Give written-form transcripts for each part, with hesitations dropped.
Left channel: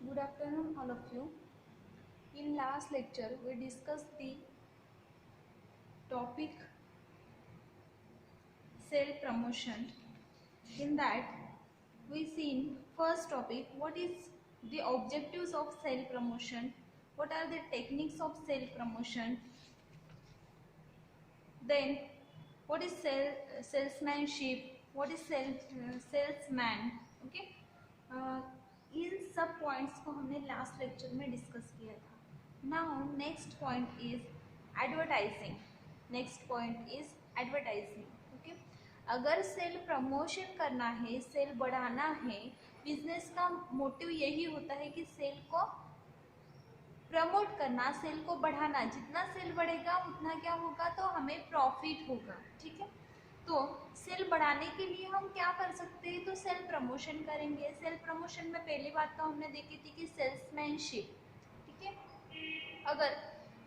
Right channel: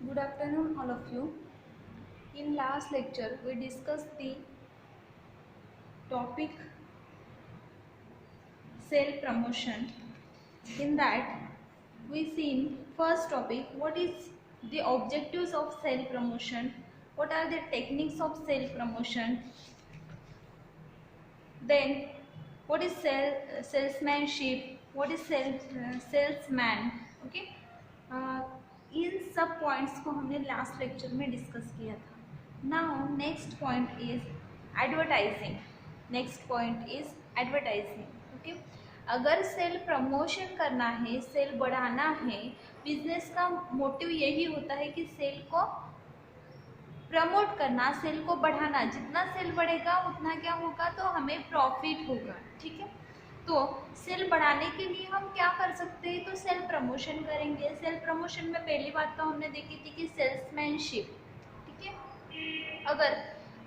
Good afternoon, all of you. In last lecture, we discussed the topic self promotion. In that, we seen first topic what is the objectives of self promotion, what are the techniques of self promotion, then what is salesmanship, what is salesman. Okay, uh, इन सब points को हमने last lecture में discuss किया था. Now next point is advertising. Next point is advertising. Okay, अगर cell promotion करना है, cell बढ़ाना है, बिजनेस का मोटिव यही होता है कि सेल को प्रमोट करना, सेल को बढ़ाना. जितना सेल बढ़ेगा उतना क्या होगा, तो हमें प्रॉफिट होगा. ठीक है, तो सेल बढ़ाने के लिए हम क्या कर सकते हैं, तो सेल प्रमोशन करेंगे. सेल प्रमोशन में पहली बात तो हमने देखी थी कि सेल्समैनशिप. ठीक है, अगर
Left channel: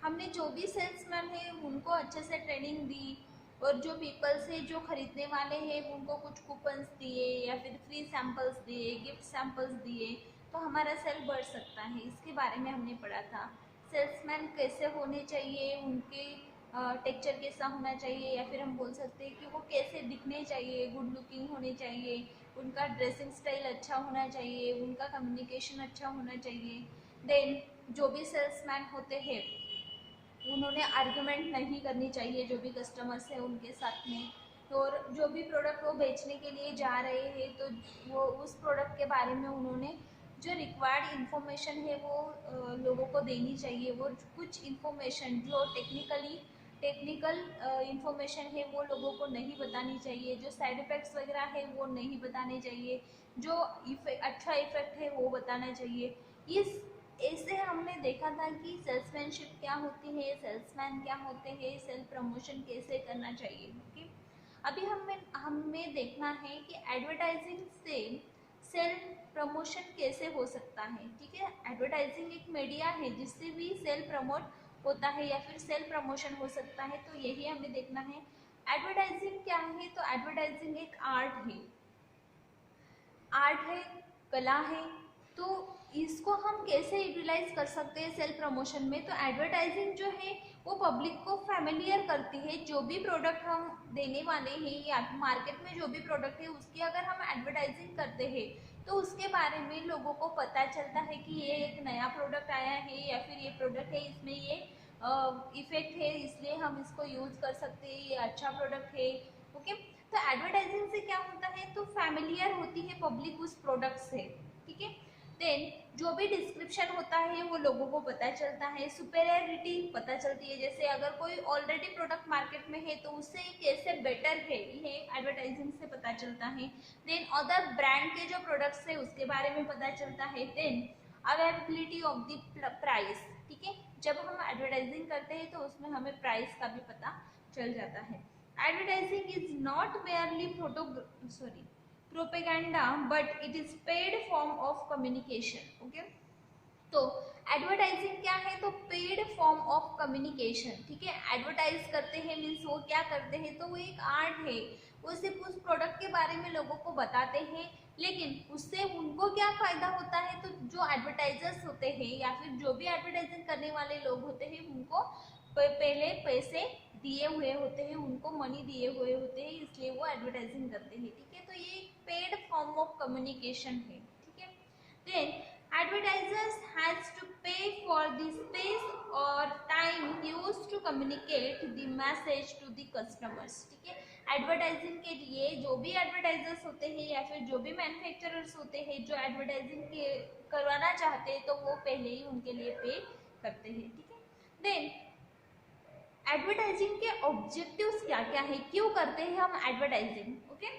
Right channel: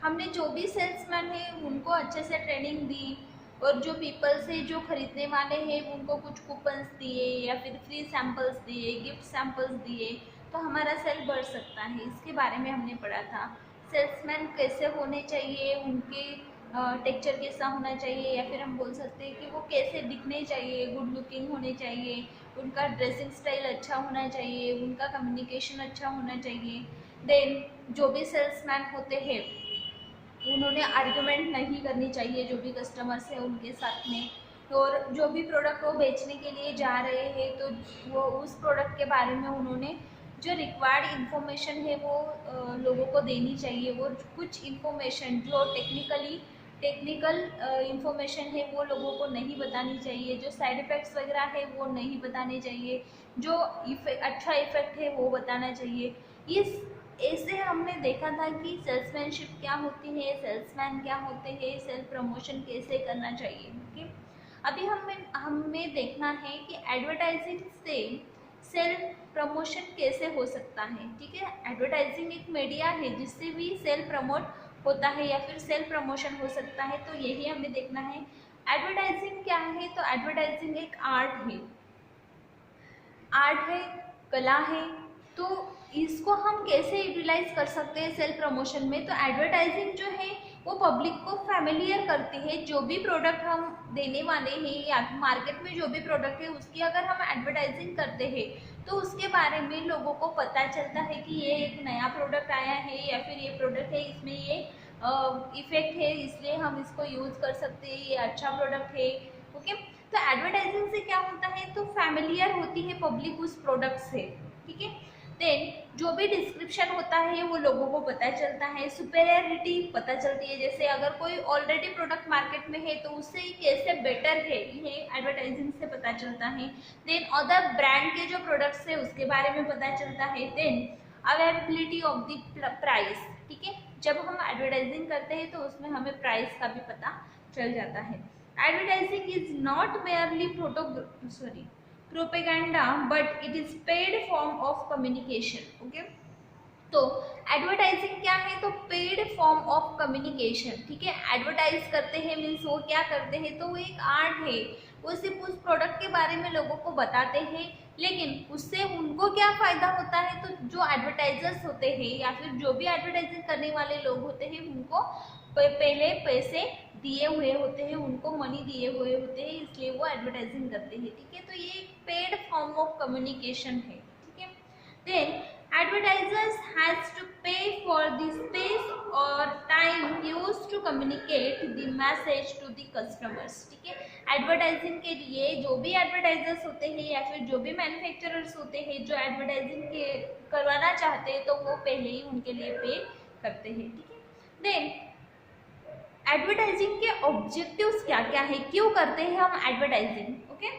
हमने जो भी सेल्समैन है उनको अच्छे से ट्रेनिंग दी और जो पीपल्स है जो खरीदने वाले हैं उनको कुछ कूपन्स दिए या फिर फ्री सैम्पल्स दिए, गिफ्ट सैम्पल्स दिए, तो हमारा सेल बढ़ सकता है. इसके बारे में हमने पढ़ा था. सेल्समैन कैसे होने चाहिए, उनके टेक्चर कैसा होना चाहिए, या फिर हम बोल सकते हैं कि वो कैसे दिखने चाहिए, गुड लुकिंग होने चाहिए, उनका ड्रेसिंग स्टाइल अच्छा होना चाहिए, उनका कम्युनिकेशन अच्छा होना चाहिए. देन जो भी सेल्समैन होते हैं उन्होंने आर्गुमेंट नहीं करनी चाहिए जो भी कस्टमर्स है उनके साथ में. और जो भी प्रोडक्ट वो बेचने के लिए जा रहे हैं तो वो उस प्रोडक्ट के बारे में उन्होंने जो रिक्वायर्ड इन्फॉर्मेशन है वो लोगों को देनी चाहिए. वो कुछ इन्फॉर्मेशन जो टेक्निकल इन्फॉर्मेशन है वो लोगों को नहीं बतानी चाहिए. जो साइड इफ़ेक्ट्स वगैरह है वो नहीं बताने चाहिए. जो अच्छा इफेक्ट है वो बताना चाहिए. इस ऐसे हमने देखा था कि सेल्समैनशिप क्या होती है, सेल्समैन क्या होते हैं, सेल्फ प्रमोशन कैसे करना चाहिए. ओके, अभी हमें देखना है कि एडवर्टाइजिंग से सेल्फ प्रमोशन कैसे हो सकता है. ठीक है, एडवर्टाइजिंग एक मीडिया है जिससे भी सेल्फ प्रमोट होता है या फिर सेल्फ प्रमोशन हो सकता है. तो यही हमें देखना है. एडवर्टाइजिंग क्या है, तो एडवर्टाइजिंग एक आर्ट है, कला है. तो इसको हम कैसे यूटिलाइज कर सकते हैं सेल्फ प्रमोशन में, तो एडवर्टाइजिंग जो है वो पब्लिक को फैमिलियर करती है. जो भी प्रोडक्ट हम देने वाले हैं या मार्केट में जो भी प्रोडक्ट है उसकी अगर हम एडवर्टाइजिंग करते हैं तो उसके बारे में लोगों को पता चलता है कि ये एक नया प्रोडक्ट आया है या फिर ये प्रोडक्ट है, इसमें ये इफेक्ट है, इसलिए हम इसको यूज़ कर सकते हैं, ये अच्छा प्रोडक्ट है. ओके, तो एडवर्टाइजिंग से क्या होता है, तो फैमिलियर होती है पब्लिक उस प्रोडक्ट से. ठीक है, देन जो भी डिस्क्रिप्शन होता है वो लोगों को पता चलता है, सुपेरियरिटी पता चलती है. जैसे अगर कोई ऑलरेडी प्रोडक्ट मार्केट में है तो उससे कैसे बेटर है ये एडवर्टाइजिंग से पता चलता है. देन अदर ब्रांड के जो प्रोडक्ट्स है उसके बारे में पता चलता है. Then availability of the price. ठीक है, जब हम एडवर्टाइजिंग करते हैं तो उसमें हमें प्राइस का भी पता चल जाता है. Advertising is not merely propaganda but it is paid form of communication. Okay, तो एडवर्टाइजिंग क्या है, तो पेड फॉर्म ऑफ कम्युनिकेशन. ठीक है, एडवर्टाइज करते हैं मीन्स वो क्या करते हैं, तो वो एक आर्ट है. वो सिर्फ उस प्रोडक्ट के बारे में लोगों को बताते हैं, लेकिन उससे उनको क्या फ़ायदा होता है, तो जो एडवर्टाइजर्स होते हैं या फिर जो भी एडवर्टाइजिंग करने वाले लोग होते हैं उनको पहले पैसे दिए हुए होते हैं, उनको मनी दिए हुए होते हैं, इसलिए वो एडवर्टाइजिंग करते हैं. ठीक है, तो ये एक पेड फॉर्म ऑफ कम्युनिकेशन है. ठीक है, then advertisers has to pay for the space or time used to communicate the message to the customers. ठीक है, एडवर्टाइजिंग के लिए जो भी एडवर्टाइजर्स होते हैं या फिर जो भी मैन्युफैक्चरर्स होते हैं जो एडवर्टाइजिंग के करवाना चाहते हैं तो वो पहले ही उनके लिए पे करते हैं. ठीक है, देन एडवर्टाइजिंग के ऑब्जेक्टिव्स क्या क्या है, क्यों करते हैं हम एडवर्टाइजिंग. ओके,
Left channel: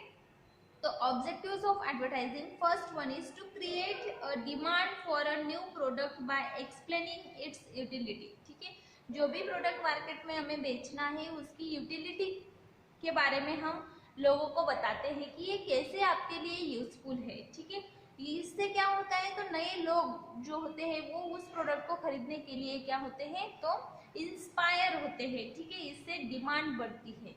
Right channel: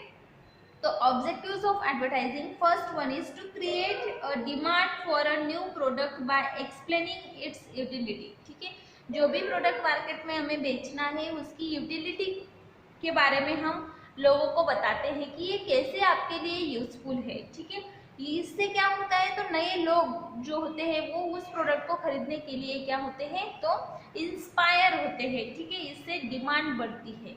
तो objectives of advertising, first one is to create a demand for a new product by explaining its utility. ठीक है, जो भी प्रोडक्ट मार्केट में हमें बेचना है उसकी यूटिलिटी के बारे में हम लोगों को बताते हैं कि ये कैसे आपके लिए यूजफुल है. ठीक है, इससे क्या होता है, तो नए लोग जो होते हैं वो उस प्रोडक्ट को खरीदने के लिए क्या होते हैं, तो इंस्पायर होते हैं. ठीक है, इससे डिमांड बढ़ती है.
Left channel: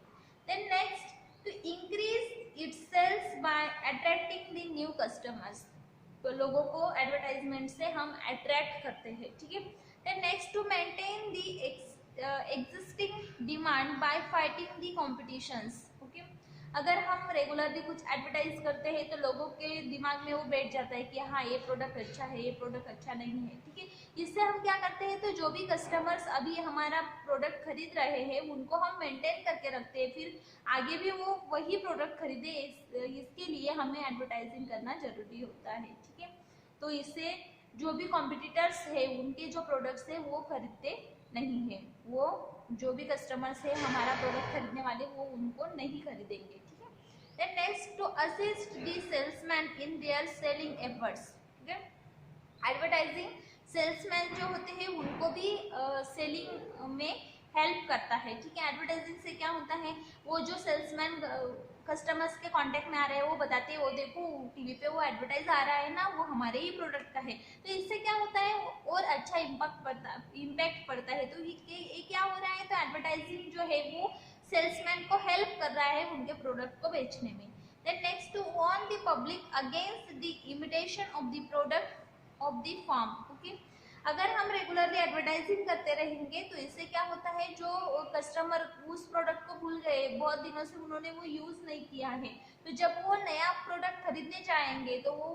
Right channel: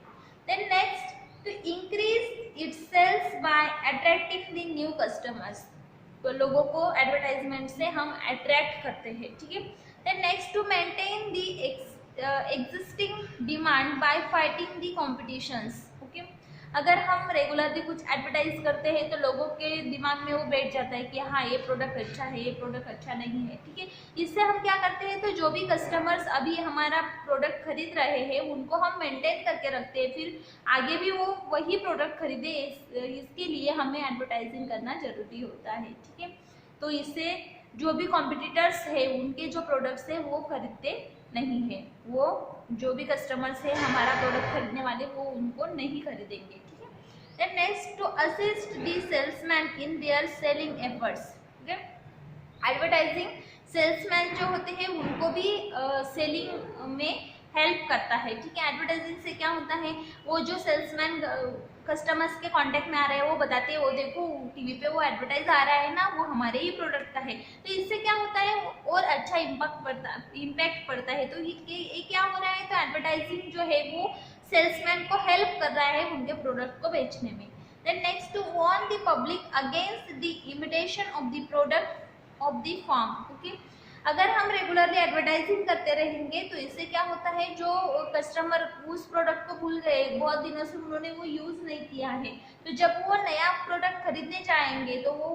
Then next, to increase its sales by attracting the new customers. लोगों को एडवर्टाइजमेंट से हम अट्रैक्ट करते हैं, ठीक है। Then next, to maintain the existing demand by fighting the competitions, okay. अगर हम रेगुलरली कुछ एडवर्टाइज करते हैं तो लोगों के दिमाग में वो बैठ जाता है कि हाँ ये प्रोडक्ट अच्छा है, ये प्रोडक्ट अच्छा नहीं है, ठीक है। इससे हम क्या करते हैं, तो जो भी कस्टमर्स अभी हमारा प्रोडक्ट खरीद रहे हैं उनको हम मेंटेन करके रखते हैं, फिर आगे भी वो वही प्रोडक्ट खरीदे, इसके लिए हमें एडवर्टाइजिंग करना जरूरी होता है, ठीक है। तो इससे जो भी कॉम्पिटिटर्स है उनके जो प्रोडक्ट्स है वो खरीदते नहीं है, वो जो भी कस्टमर्स है हमारा प्रोडक्ट खरीदने वाले वो उनको नहीं खरीदेंगे, ठीक है। Then next, to assist the salesman in their selling efforts, ठीक है। एडवर्टाइजिंग सेल्समैन जो होते हैं उनको भी सेलिंग में हेल्प करता है, ठीक है। एडवर्टाइजिंग से क्या होता है, वो जो सेल्समैन कस्टमर्स के कांटेक्ट में आ रहे हैं वो बताते हैं, वो देखो टीवी पे वो एडवर्टाइज आ रहा है ना, वो हमारे ही प्रोडक्ट का है। तो इससे क्या होता है और अच्छा इम्पैक्ट पड़ता है। तो ये क्या हो रहा है, तो एडवर्टाइजिंग जो है वो सेल्समैन को हेल्प कर रहा है उनके प्रोडक्ट को बेचने में। Then next, to warn the public against the imitation of the product of the firm, okay. अगर हम रेगुलरली एडवर्टाइजिंग करते रहेंगे तो इससे क्या होता है, जो कस्टमर उस प्रोडक्ट को भूल गए, बहुत दिनों से उन्होंने वो यूज़ नहीं किया है, तो जब वो नया प्रोडक्ट खरीदने जाएंगे तो वो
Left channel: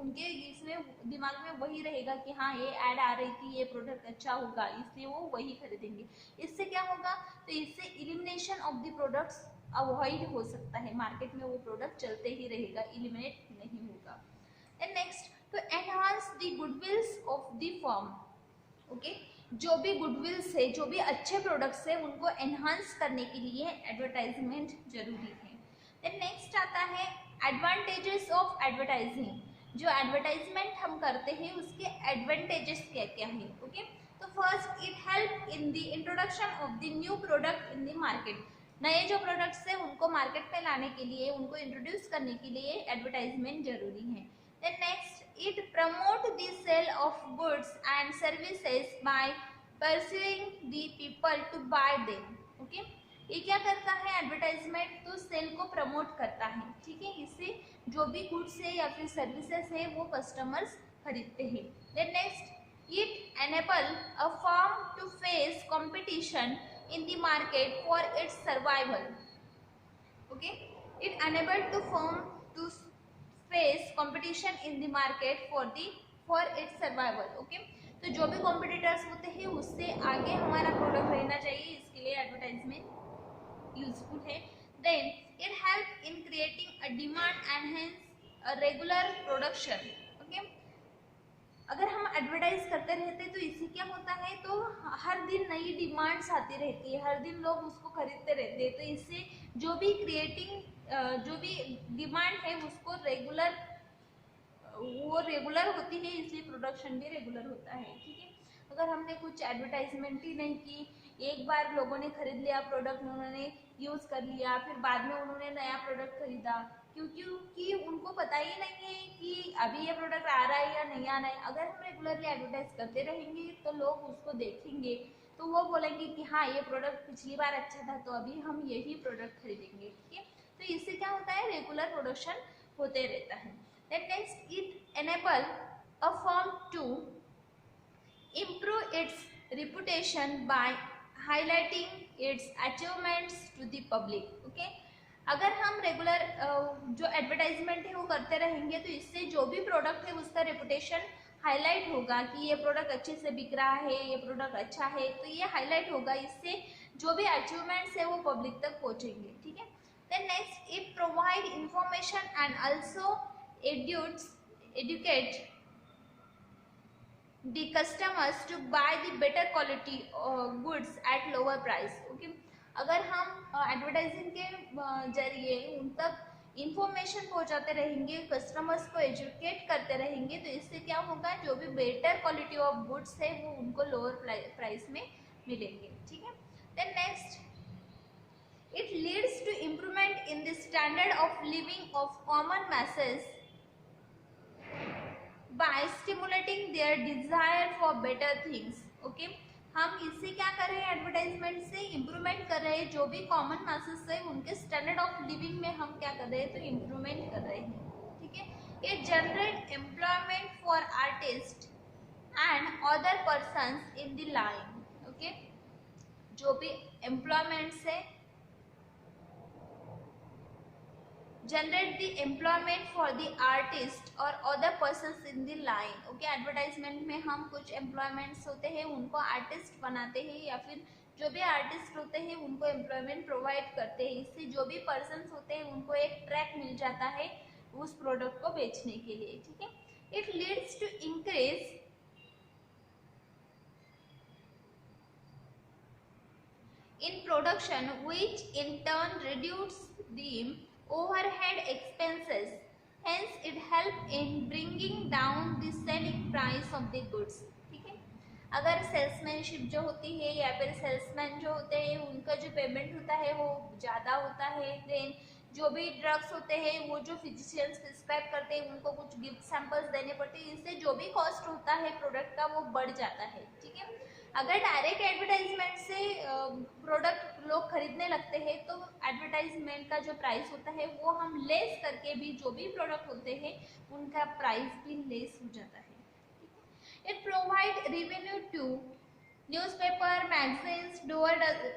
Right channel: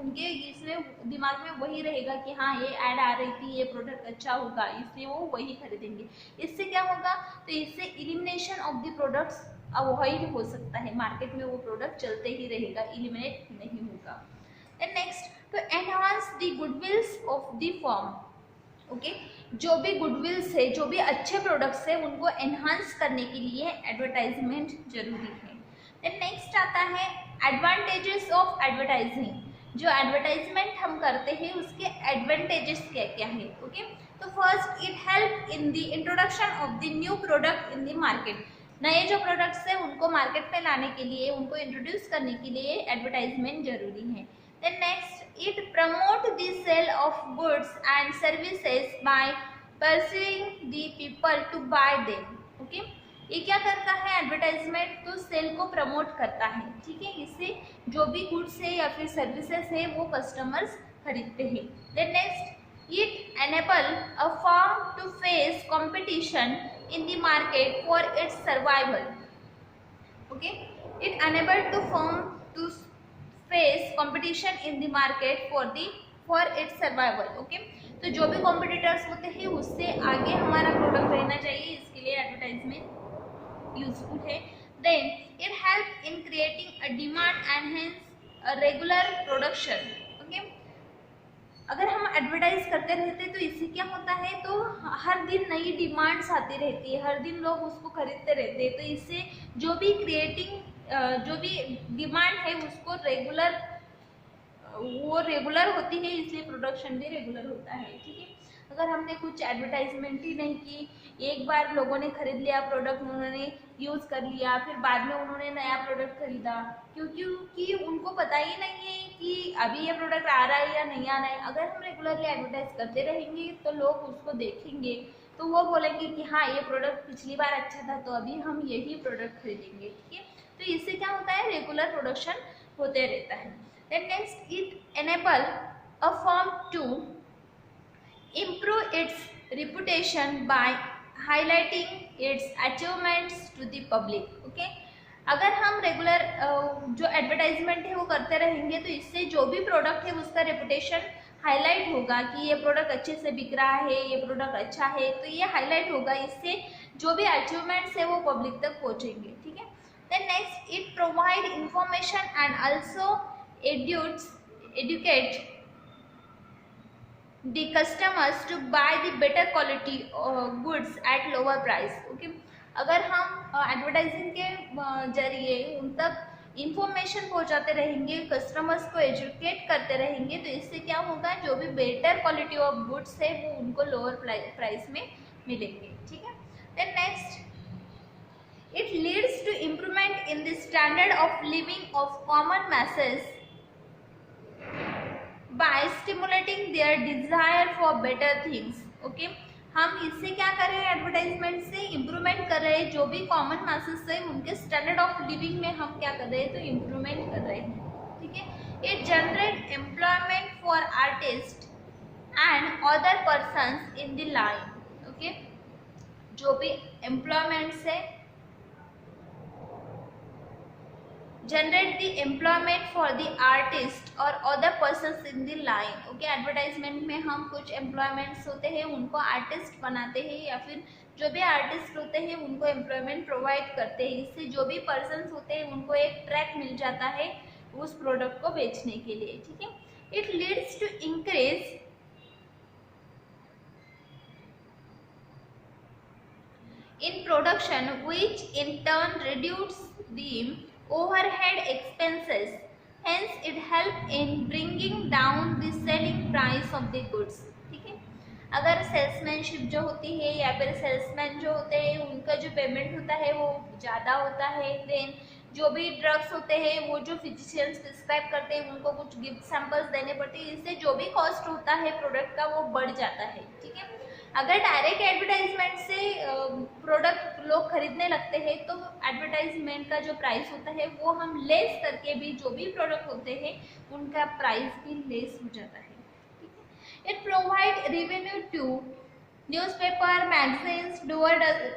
उनके इसमें दिमाग में वही रहेगा कि हाँ ये ऐड आ रही थी, ये प्रोडक्ट अच्छा होगा, इसलिए वो वही खरीदेंगे। इससे क्या होगा, तो इससे elimination of the products avoid हो सकता है, मार्केट में वो प्रोडक्ट चलते ही रहेगा, इलिमिनेट नहीं होगा। एंड नेक्स्ट, तो enhance the गुडविल्स of the firm, okay. जो भी गुडविल्स है, जो भी अच्छे प्रोडक्ट्स है उनको एनहांस करने के लिए एडवर्टाइजमेंट जरूरी है। देन नेक्स्ट आता है एडवांटेजेस ऑफ एडवर्टाइजिंग। जो एडवर्टाइजमेंट हम करते हैं उसके एडवांटेजेस क्या क्या है, ओके। तो first, it help in the introduction of the new product in the market. नए जो प्रोडक्ट्स हैं उनको मार्केट में लाने के लिए, उनको इंट्रोड्यूस करने के लिए एडवर्टाइजमेंट जरूरी है। Then next, it promote the sale of goods and services by pursuing the people to buy them, okay। ये क्या करता है एडवर्टाइजमेंट, तो सेल को प्रमोट करता है, ठीक है। इससे जो भी गुड्स है या फिर सर्विसेज है वो कस्टमर्स खरीदते हैं। Then next, it enable a firm to face competition in the market for its survival, okay। it enable to firm to face competition in the market for its survival, okay. तो जो भी competitors होते हैं उससे आगे हमारा product रहना चाहिए, इसके लिए एडवर्टाइजमेंट यूजफुल है। Then it help in creating a demand and hence a regular production, okay. अगर हम एडवर्टाइज करते रहते तो इससे क्या होता है, तो हर दिन नई डिमांड्स आती रहती है, हर दिन लोग उसको खरीदते रहते हैं। तो इससे जो भी जो भी डिमांड है उसको रेगुलर होती है, इसलिए प्रोडक्शन भी रेगुलर होता है, ठीक है। अगर हमने कुछ एडवर्टाइजमेंट ही नहीं की, एक बार लोगों ने खरीद लिया प्रोडक्ट, उन्होंने यूज़ कर लिया, फिर बाद में उन्होंने नया प्रोडक्ट खरीदा, क्योंकि उनको पता ही नहीं है कि अभी ये प्रोडक्ट आ रहा है या नहीं आ रहा है। अगर हम रेगुलरली एडवर्टाइज करते रहेंगे तो लोग उसको देखेंगे, तो वो बोलेंगे कि हाँ ये प्रोडक्ट पिछली बार अच्छा था, तो अभी हम यही प्रोडक्ट खरीदेंगे, ठीक है। तो इससे क्या होता है, रेगुलर प्रोडक्शन होते रहता है। Then next, it enable a firm to improve its reputation by highlighting its achievements to the public, okay। अगर हम रेगुलर जो एडवर्टाइजमेंट है वो करते रहेंगे तो इससे जो भी प्रोडक्ट है उसका रेपुटेशन हाईलाइट होगा कि ये प्रोडक्ट अच्छे से बिक रहा है, ये प्रोडक्ट अच्छा है, तो ये हाईलाइट होगा, इससे जो भी अचीवमेंट्स है वो पब्लिक तक पहुंचेंगे, ठीक है। Then next, it provide information and also educate the customers to buy the better quality goods at lower price, okay। अगर हम एडवर्टाइजिंग के जरिए उन तक इंफॉर्मेशन पहुंचाते रहेंगे, कस्टमर्स को एजुकेट करते रहेंगे, तो इससे क्या होगा, जो भी बेटर क्वालिटी ऑफ गुड्स है वो उनको लोअर प्राइस में मिलेंगे, ठीक है। Then next, it leads to improvement in the standard of living of common masses by stimulating their desire for better things, okay। हम इससे क्या कर रहे हैं, एडवर्टाइजमेंट से इम्प्रूवमेंट कर रहे हैं, जो भी कॉमन मासेस है उनके स्टैंडर्ड ऑफ लिविंग में हम क्या कर रहे हैं, तो इम्प्रूवमेंट कर रहे हैं, ठीक है। It generate employment for artist and other persons in the line. Okay, जो भी एम्प्लॉयमेंट्स है, generate the employment for the artist और other persons in the line. Okay, advertisement में हम कुछ एम्प्लॉयमेंट्स होते हैं उनको आर्टिस्ट बनाते हैं, या फिर जो भी आर्टिस्ट होते हैं उनको एम्प्लॉयमेंट प्रोवाइड करते हैं। इससे जो भी पर्सन्स होते हैं उनको एक ट्रैक मिल जाता है उस प्रोडक्ट को बेचने के लिए। ठीक है, it leads to increase in production, which in turn reduce the overhead expenses. Hence, it help in bringing down the selling price of the goods. ठीक है, अगर सेल्समैनशिप जो होती है या फिर सेल्समैन जो होते हैं उनका जो पेमेंट होता है वो ज़्यादा होता है, देन जो भी ड्रग्स होते हैं वो जो फिजिशियंस प्रिस्क्राइब करते हैं उनको कुछ गिफ्ट सैंपल्स देने पड़ते हैं, इससे जो भी कॉस्ट होता है प्रोडक्ट का वो बढ़ जाता है। ठीक है, अगर डायरेक्ट एडवर्टाइजमेंट से प्रोडक्ट लोग खरीदने लगते हैं तो एडवर्टाइजमेंट का जो प्राइस होता है वो हम लेस करके भी जो भी प्रोडक्ट होते हैं उनका प्राइस भी लेस हो जाता है। It provide revenue to newspaper, magazines,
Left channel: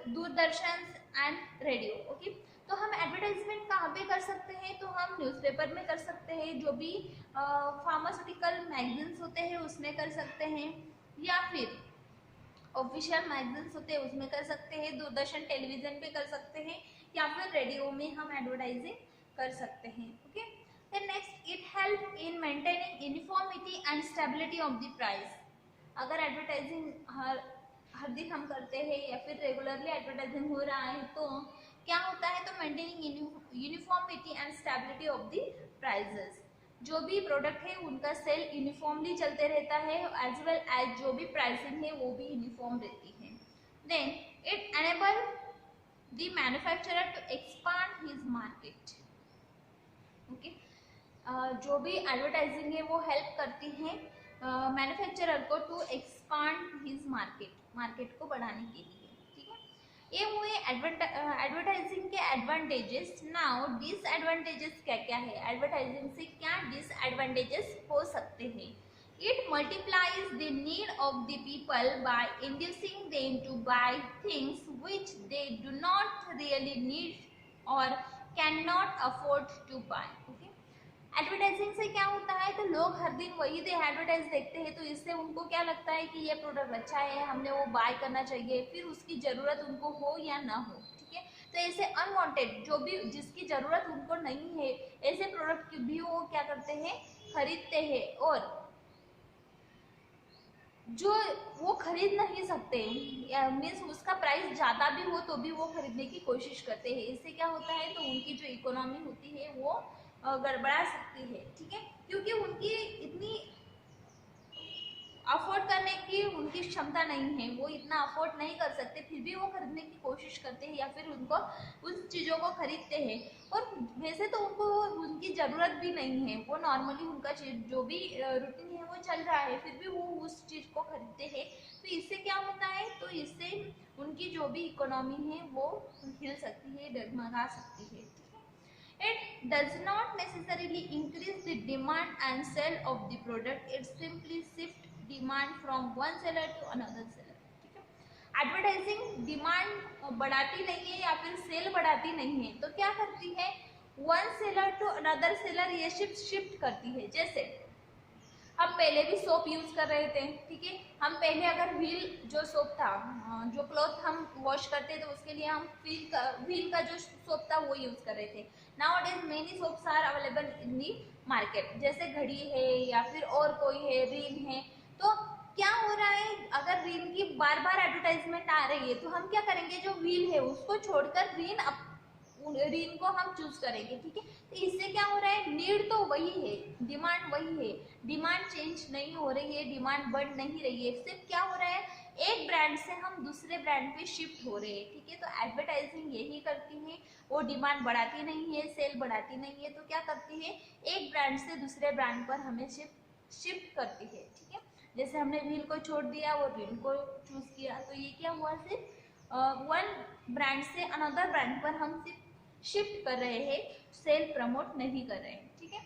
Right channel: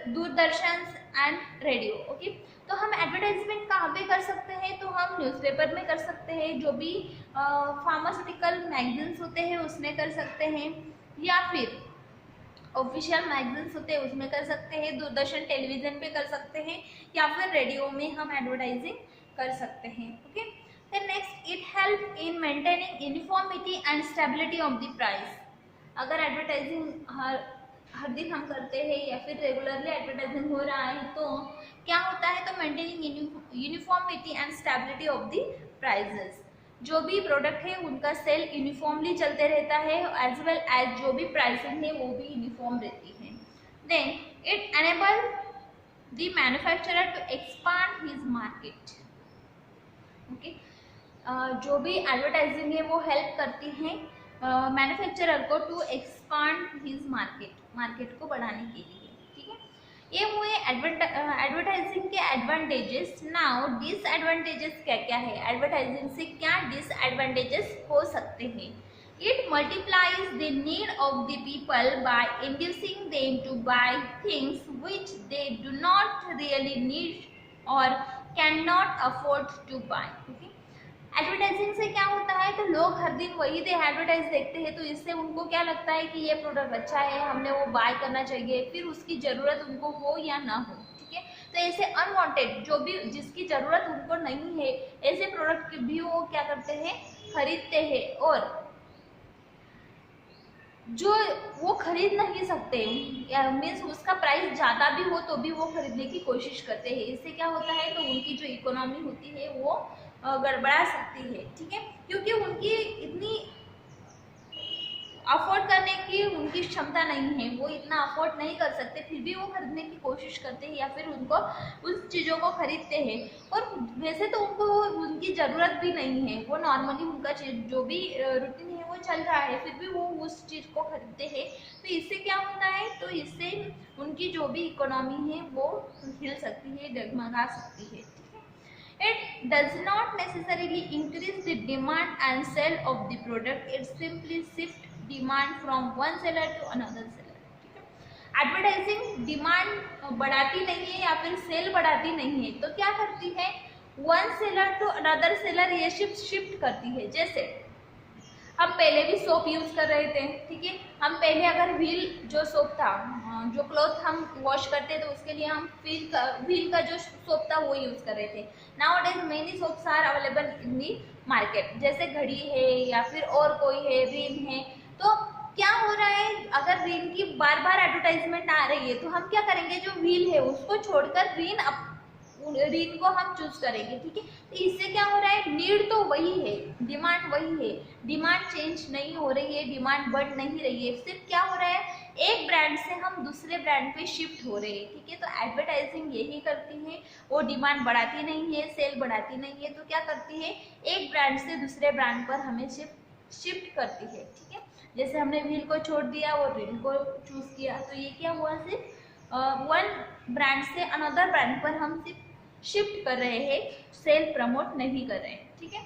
Doordarshan and radio. Okay, तो हम एडवर्टाइजमेंट कहाँ पे कर सकते हैं? तो हम न्यूज़पेपर में कर सकते हैं, जो भी फार्मास्यूटिकल मैगजीन्स होते हैं उसमें कर सकते हैं, या फिर ऑफिशियल मैगजीन्स होते हैं उसमें कर सकते हैं, दूरदर्शन टेलीविजन पे कर सकते हैं, या फिर रेडियो में हम एडवर्टाइजिंग कर सकते हैं। Okay, then next, it help in maintaining uniformity and stability of the price. अगर एडवर्टाइजिंग हर दिन हम करते हैं या फिर रेगुलरली एडवर्टाइजिंग हो रहा है तो क्या होता है? तो maintaining uniformity and stability of the prices, जो भी प्रोडक्ट है उनका सेल यूनिफॉर्मली चलते रहता है, एज वेल एज जो भी प्राइसिंग है वो भी यूनिफॉर्म रहती है। Then it enable the manufacturer to expand his market. Okay, जो भी एडवर्टाइजिंग है वो हेल्प करती है मैन्युफैक्चरर को टू एक्सपांड हिज मार्केट को बढ़ाने के लिए। ठीक है, ये हुए एडवर्टाइजिंग के एडवांटेजेस। नाउ डिसएडवांटेजेस क्या क्या है? एडवर्टाइजिंग से क्या डिसएडवांटेजेस हो सकते हैं? It multiplies the need of the people by inducing them to buy things which they do not really need और can not afford to buy. Okay, advertising से क्या होता है? तो लोग हर दिन वही एडवर्टाइज देखते हैं, तो इससे उनको क्या लगता है कि ये प्रोडक्ट अच्छा है, हमने वो बाय करना चाहिए, फिर उसकी ज़रूरत उनको हो या ना हो। ठीक है, तो ऐसे अनवांटेड जो भी जिसकी ज़रूरत उनको नहीं है ऐसे प्रोडक्ट भी वो क्या करते हैं? खरीदते हैं, और जो वो खरीद नहीं सकते मीन्स उसका प्राइस ज़्यादा भी हो तो भी वो खरीदने की कोशिश करते हैं। इससे क्या होता है? तो उनकी जो इकोनॉमी होती है वो गड़बड़ा सकती है। ठीक है, क्योंकि उनकी इतनी अफोर्ड करने की उनकी क्षमता नहीं है, वो इतना अफोर्ड नहीं कर सकते, फिर भी वो खरीदने की कोशिश करते हैं या फिर उनको उस चीज़ों को खरीदते हैं। और वैसे तो उनको उनकी ज़रूरत भी नहीं है, वो नॉर्मली उनका जो भी रूटीन है वो चल रहा है, फिर भी वो उस चीज़ को खरीदते हैं। तो इससे क्या होता है? तो इससे उनकी जो भी इकोनॉमी है वो हिल सकती है, डगमगा सकती है। It does not necessarily increase the demand and sale of the product. It simply shifts demand from one seller to another seller. ठीक है, एडवर्टाइजिंग डिमांड बढ़ाती नहीं है या फिर सेल बढ़ाती नहीं है, तो क्या करती है? One seller to another seller ये शिफ्ट करती है। जैसे हम पहले भी सोप यूज़ कर रहे थे, ठीक है, हम पहले अगर व्हील जो सोप था, जो क्लॉथ हम वॉश करते तो उसके लिए हम व्हील का जो सोप था वो यूज़ कर रहे थे। Now many soaps are available in the market, जैसे घड़ी है या फिर और कोई है, रिन है। तो क्या हो रहा है? अगर रिन की बार बार एडवर्टाइजमेंट आ रही है तो हम क्या करेंगे? जो व्हील है उसको छोड़कर रिन को हम चूज करेंगे। ठीक है, तो इससे क्या हो रहा है? नीड तो वही है, डिमांड वही है, डिमांड चेंज नहीं हो रही है, डिमांड बढ़ नहीं रही है, सिर्फ क्या हो रहा है? एक ब्रांड से हम दूसरे ब्रांड पे शिफ्ट हो रहे हैं। ठीक है, तो एडवर्टाइजिंग यही करती है, वो डिमांड बढ़ाती नहीं है, सेल बढ़ाती नहीं है, तो क्या करती है? एक ब्रांड से दूसरे ब्रांड पर हमें शिफ्ट करती है। ठीक है, जैसे हमने व्हील को छोड़ दिया और रिन को चूज किया, तो ये क्या हुआ? सिर्फ वन ब्रांड से अनदर ब्रांड पर हम सिर्फ शिफ्ट कर रहे हैं, सेल प्रमोट नहीं कर रहे हैं। ठीक है,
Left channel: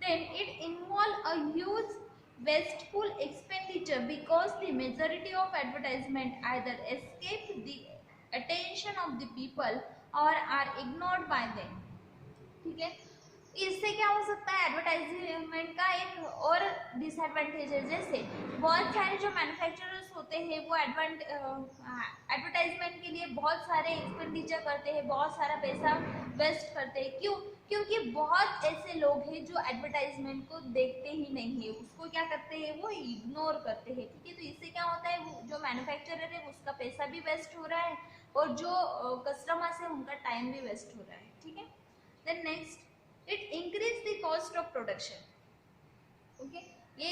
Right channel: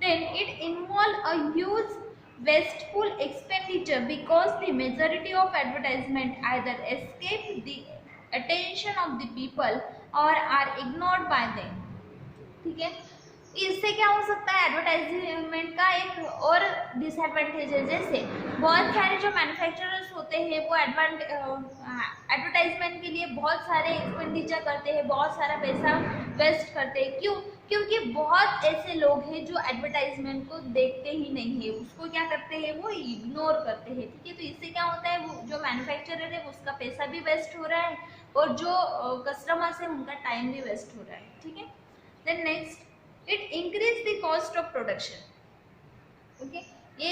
then it involve a huge wasteful expenditure because the majority of advertisement either escape the attention of the people or are ignored by them. ठीक है, इससे क्या हो सकता है, एडवर्टाइजमेंट का एक और डिसएडवांटेज है, जैसे बहुत सारे जो मैन्युफैक्चरर्स होते हैं वो एडवर्टाइजमेंट के लिए बहुत सारे एक्सपेंडिचर करते हैं, बहुत सारा पैसा वेस्ट करते हैं। क्यों? क्योंकि बहुत ऐसे लोग हैं जो एडवर्टाइजमेंट को देखते ही नहीं है, उसको क्या करते हैं, वो इग्नोर करते हैं। ठीक है, तो इससे क्या होता है, वो जो मैन्युफैक्चरर है उसका पैसा भी वेस्ट हो रहा है और जो कस्टमर्स है उनका टाइम भी वेस्ट हो रहा है। ठीक है, then next, it increase the cost of production. Okay, ये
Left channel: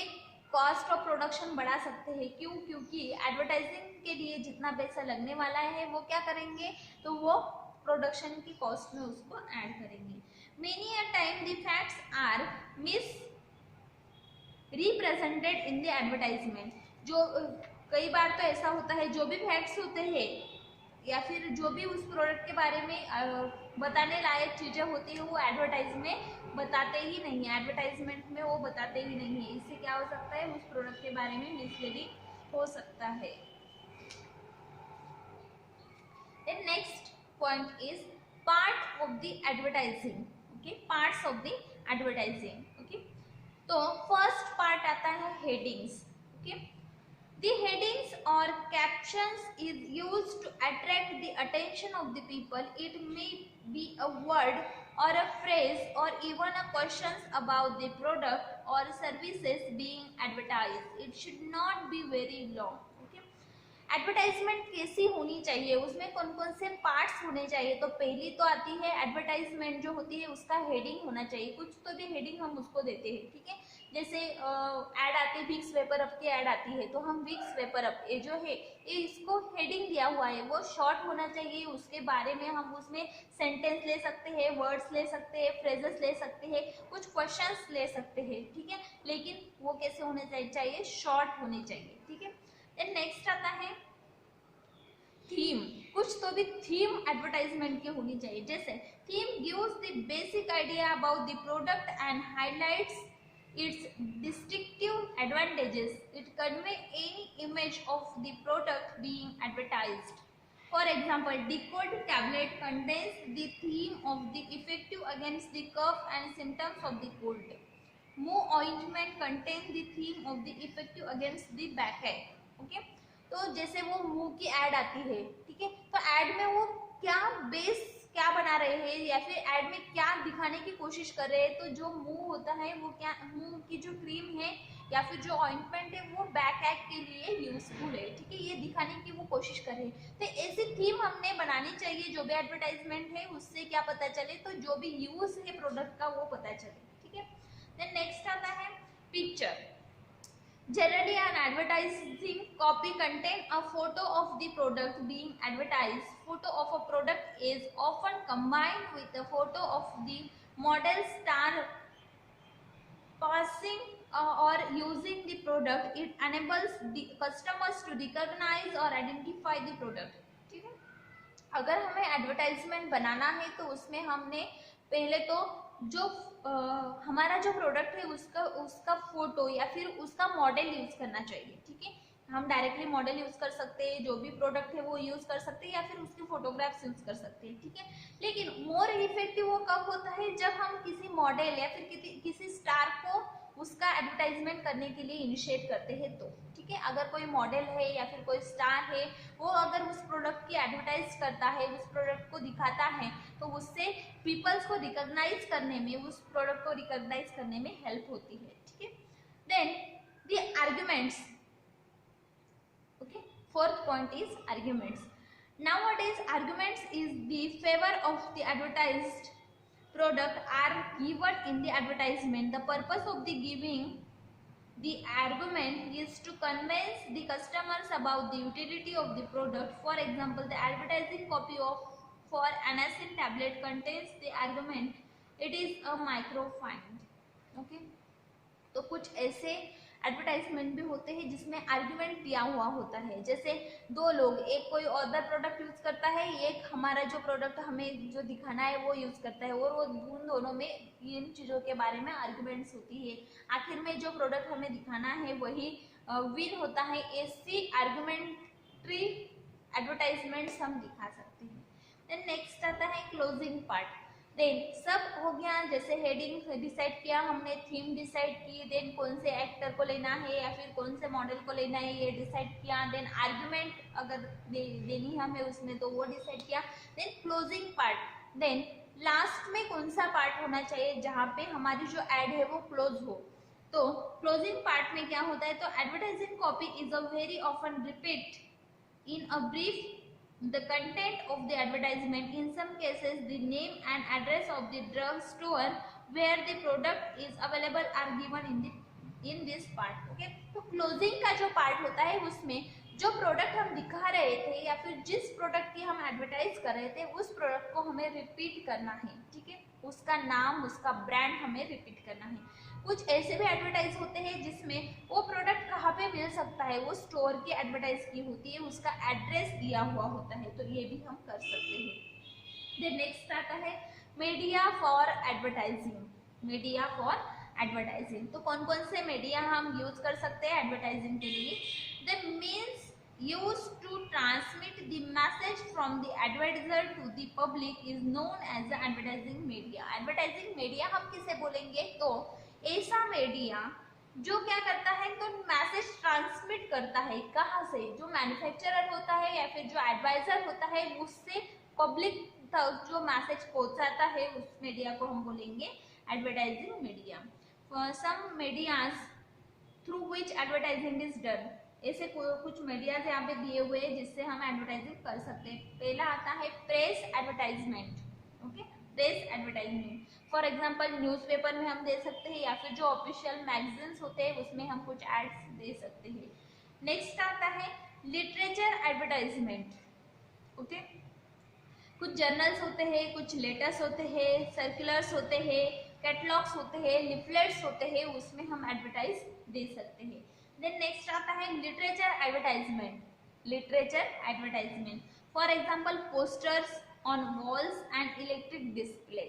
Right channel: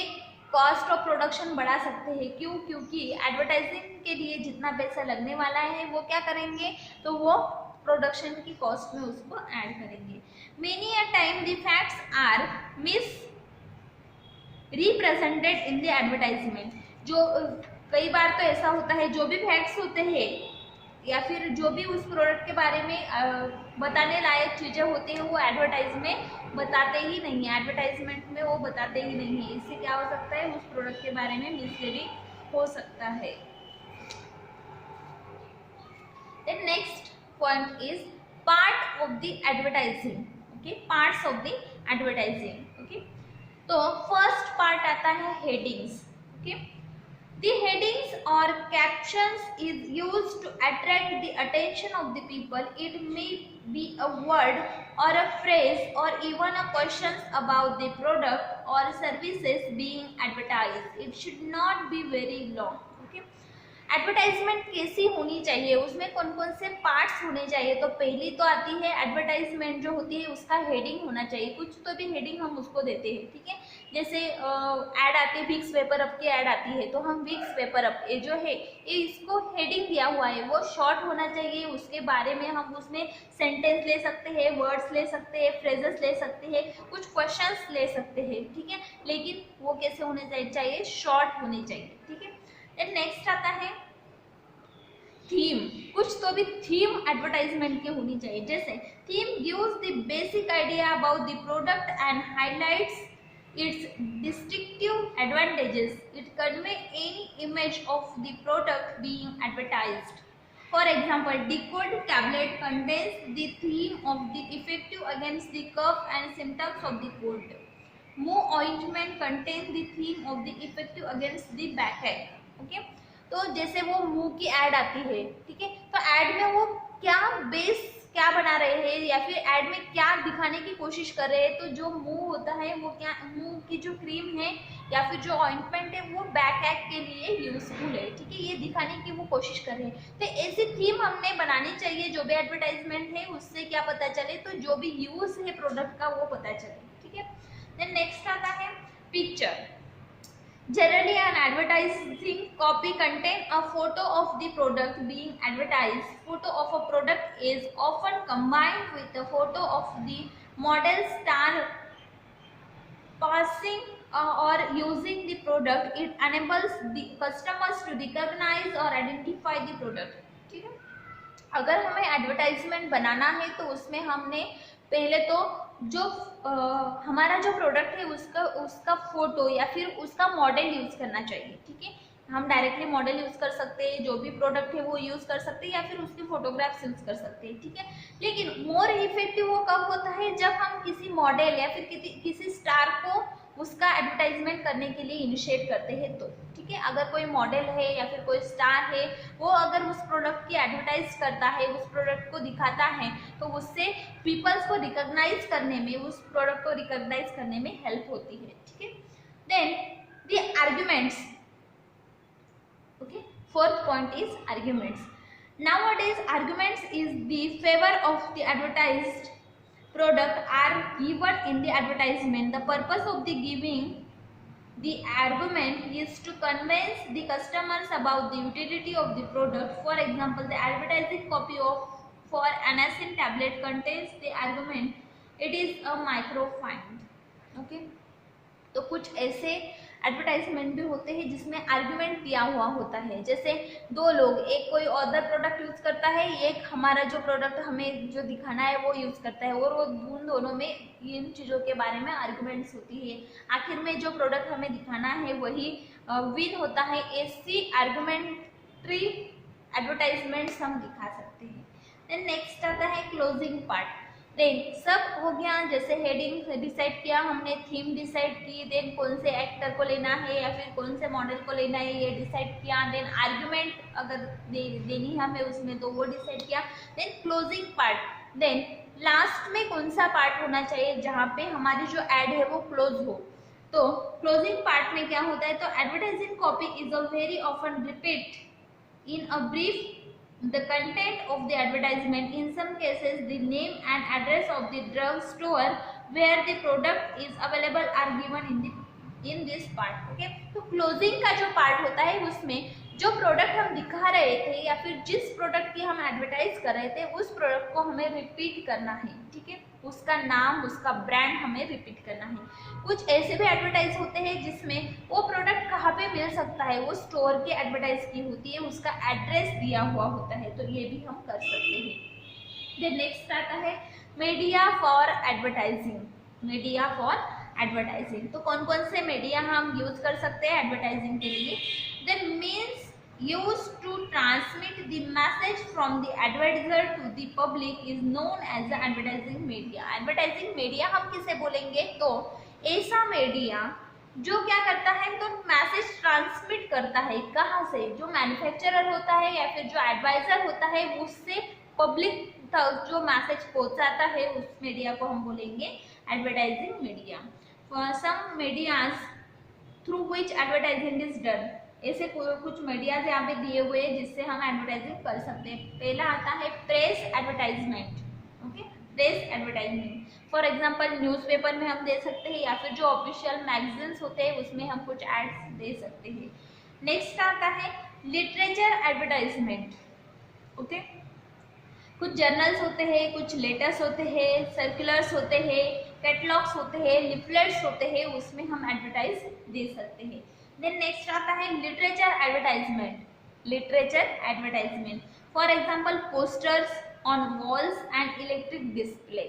कॉस्ट ऑफ प्रोडक्शन बढ़ा सकते हैं। क्यों? क्योंकि एडवर्टाइजिंग के लिए जितना पैसा लगने वाला है वो क्या करेंगे, तो वो प्रोडक्शन की कॉस्ट में उसको ऐड करेंगे। Many a time the facts are misrepresented in the advertisement. जो कई बार तो ऐसा होता है, जो भी फैक्ट्स होते हैं या फिर जो भी उस प्रोडक्ट के बारे में बताने लायक चीज़ें होती हैं वो एडवर्टाइज में बताते ही नहीं है, एडवर्टाइजमेंट में वो बताते ही नहीं है। इससे क्या हो सकता है, उस प्रोडक्ट के बारे में मिसलीडिंग हो सकता है। Then next point is part of the advertising. Okay, parts of the advertising. Okay, तो फर्स्ट पार्ट आता है headings. Okay, the headings or captions is used to attract the attention of the people. It may be a word or a phrase or even a questions about the product or services being advertised. It should not be very long. Okay, advertisement कैसी होनी चाहिए, उसमें कौन कौन से parts होने चाहिए। तो पहली तो आती है एडवर्टाइजमेंट जो होती है उसका हेडिंग होना चाहिए, कुछ तो भी हेडिंग हम उसको देते हैं। ठीक है, जैसे ऐड आती है, विक्स वेपर अप की ऐड आती है तो हम विक्स वेपर अप ये जो है ये इसको हेडिंग दिया हुआ है, वो शॉर्ट होना चाहिए। उसके बारे में हम उसमें सेंटेंस ले सकते हैं, वर्ड्स ले सकते हैं, फ्रेजेस ले सकते हैं, कुछ क्वेश्चंस ले सकते हैं। ठीक है, लेकिन वो कैसे होने चाहिए, शॉर्ट होने चाहिए। ठीक है, देन नेक्स्ट आता है थीम। कुछ तो भी थीम एडवर्टाइजमेंट की होनी चाहिए, जैसे theme gives the basic idea about the product and highlights its distinctive advantages. It convey any image of the product being advertised. For example, Decode tablet contains the theme of the effective against the cough and symptoms of the cold. Moo ointment contains the theme of the effective against the backache. Okay, तो जैसे वो मुंह की add आती है, ठीक है, तो ऐड में वो क्या बेस क्या बना रहे हैं या फिर ऐड में क्या दिखाने की कोशिश कर रहे हैं, तो जो मुंह होता है वो क्या, मुंह की जो क्रीम है या फिर जो ऑइंटमेंट है वो बैक ऐक के लिए यूजफुल है। ठीक है, ये दिखाने की वो कोशिश कर रहे हैं। तो ऐसी थीम हमने बनानी चाहिए, जो भी एडवर्टाइजमेंट है उससे क्या पता चले, तो जो भी यूज है प्रोडक्ट का वो पता चले। ठीक है, देन नेक्स्ट आता है picture. Generally, an advertising copy contains a photo of the product being advertised. Photo of a product is often combined with a photo of the model star passing or using the product. It enables the customers to recognize or identify the product. ठीक है, अगर हमें advertisement बनाना है तो उसमें हमने पहले तो जो हमारा जो प्रोडक्ट है उसका फोटो या फिर उसका मॉडल यूज करना चाहिए। ठीक है, हम डायरेक्टली मॉडल यूज कर सकते हैं, जो भी प्रोडक्ट है वो यूज कर सकते हैं या फिर उसकी फोटोग्राफ्स यूज कर सकते हैं। ठीक है, लेकिन मोर इफेक्टिव वो कब होता है, जब हम किसी मॉडल या फिर किसी स्टार को उसका एडवर्टाइजमेंट करने के लिए इनिशिएट करते हैं। तो ठीक है, अगर कोई मॉडल है या फिर कोई स्टार है वो अगर उस प्रोडक्ट की एडवर्टाइज करता है, उस प्रोडक्ट को दिखाता है, तो उससे पीपल्स को रिकॉग्नाइज करने में, उस प्रोडक्ट को रिकॉग्नाइज करने में हेल्प होती है। ठीक है, then the arguments. Okay, fourth point is arguments. Nowadays arguments is the favor of the advertised product are given in the advertisement. The purpose of the giving the argument is to convince the customers about the utility of the product. For example, the advertising copy of for Anacin tablet contains the argument it is a microfine. Okay, तो कुछ ऐसे advertisement भी होते हैं जिसमें argument दिया हुआ होता है, जैसे दो लोग, एक कोई अदर प्रोडक्ट यूज करता है, एक हमारा जो प्रोडक्ट हमें जो दिखाना है वो यूज करता है, और वो उन दोनों में इन चीज़ों के बारे में आर्गुमेंट्स होती है। आखिर में जो प्रोडक्ट हमें दिखाना है वही विन होता है। ऐसी आर्गुमेंट्री एडवर्टाइजमेंट्स हम दिखा सकते हैं। देन नेक्स्ट आता है क्लोजिंग पार्ट। देन सब हो गया, जैसे हेडिंग डिसाइड किया हमने, थीम डिसाइड की, देन कौन से एक्टर को लेना है या फिर कौन से मॉडल को लेना है ये डिसाइड किया, देन आर्गुमेंट अगर देनी है हमें उसमें तो वो डिसाइड किया। Then closing part, then last में कौन सा पार्ट होना चाहिए जहाँ पे हमारी जो एड है वो क्लोज हो। तो क्लोजिंग पार्ट में क्या होता है, तो advertising copy is a very often repeat in a brief the content of the advertisement, in some cases the name and address of the drug store where the product is available are given in this part. Okay, तो closing का जो part होता है उसमें जो product हम दिखा रहे थे या फिर जिस प्रोडक्ट की हम एडवर्टाइज कर रहे थे उस प्रोडक्ट को हमें रिपीट करना है, ठीक है, उसका नाम उसका ब्रांड हमें रिपीट करना है। कुछ ऐसे भी एडवर्टाइज होते हैं जिसमें वो प्रोडक्ट कहाँ पे मिल सकता है वो स्टोर की एडवर्टाइज की होती है, उसका एड्रेस दिया हुआ होता है, तो ये भी हम कर सकते हैं। देन नेक्स्ट आता है media for advertising. Media for advertising, तो कौन कौन से मीडिया हम यूज कर सकते हैं एडवर्टाइजिंग के लिए। The means used to transmit the message from the advertiser to the public is known as the advertising media. advertising media हम किसे बोलेंगे, तो ऐसा मीडिया जो क्या करता है, तो मैसेज ट्रांसमिट करता है, कहाँ से, जो मैन्युफैक्चरर होता है या फिर जो एडवाइजर होता है उससे पब्लिक तक जो मैसेज पहुंचाता है उस मीडिया को हम बोलेंगे advertising media. Some medias through which advertising is done, ऐसे कुछ मीडियाज यहाँ पे दिए हुए हैं जिससे हम एडवर्टाइजिंग कर सकते हैं। पहला आता है press advertisement. Okay, press advertisement for example newspaper में हम दे सकते हैं या फिर जो ऑफिशियल मैगजीन्स होते हैं उसमें हम कुछ एड्स दे सकते हैं। नेक्स्ट आता है लिटरेचर एडवर्टाइजमेंट। ओके, कुछ जर्नल्स होते हैं, कुछ लेटर्स होते हैं, सर्कुलर्स होते हैं, कैटलॉग्स होते हैं, लिफलेट्स होते हैं, उसमें हम एडवर्टाइज दे सकते हैं। देन नेक्स्ट आता है literature advertisement. Literature advertisement for example posters on walls and electric display,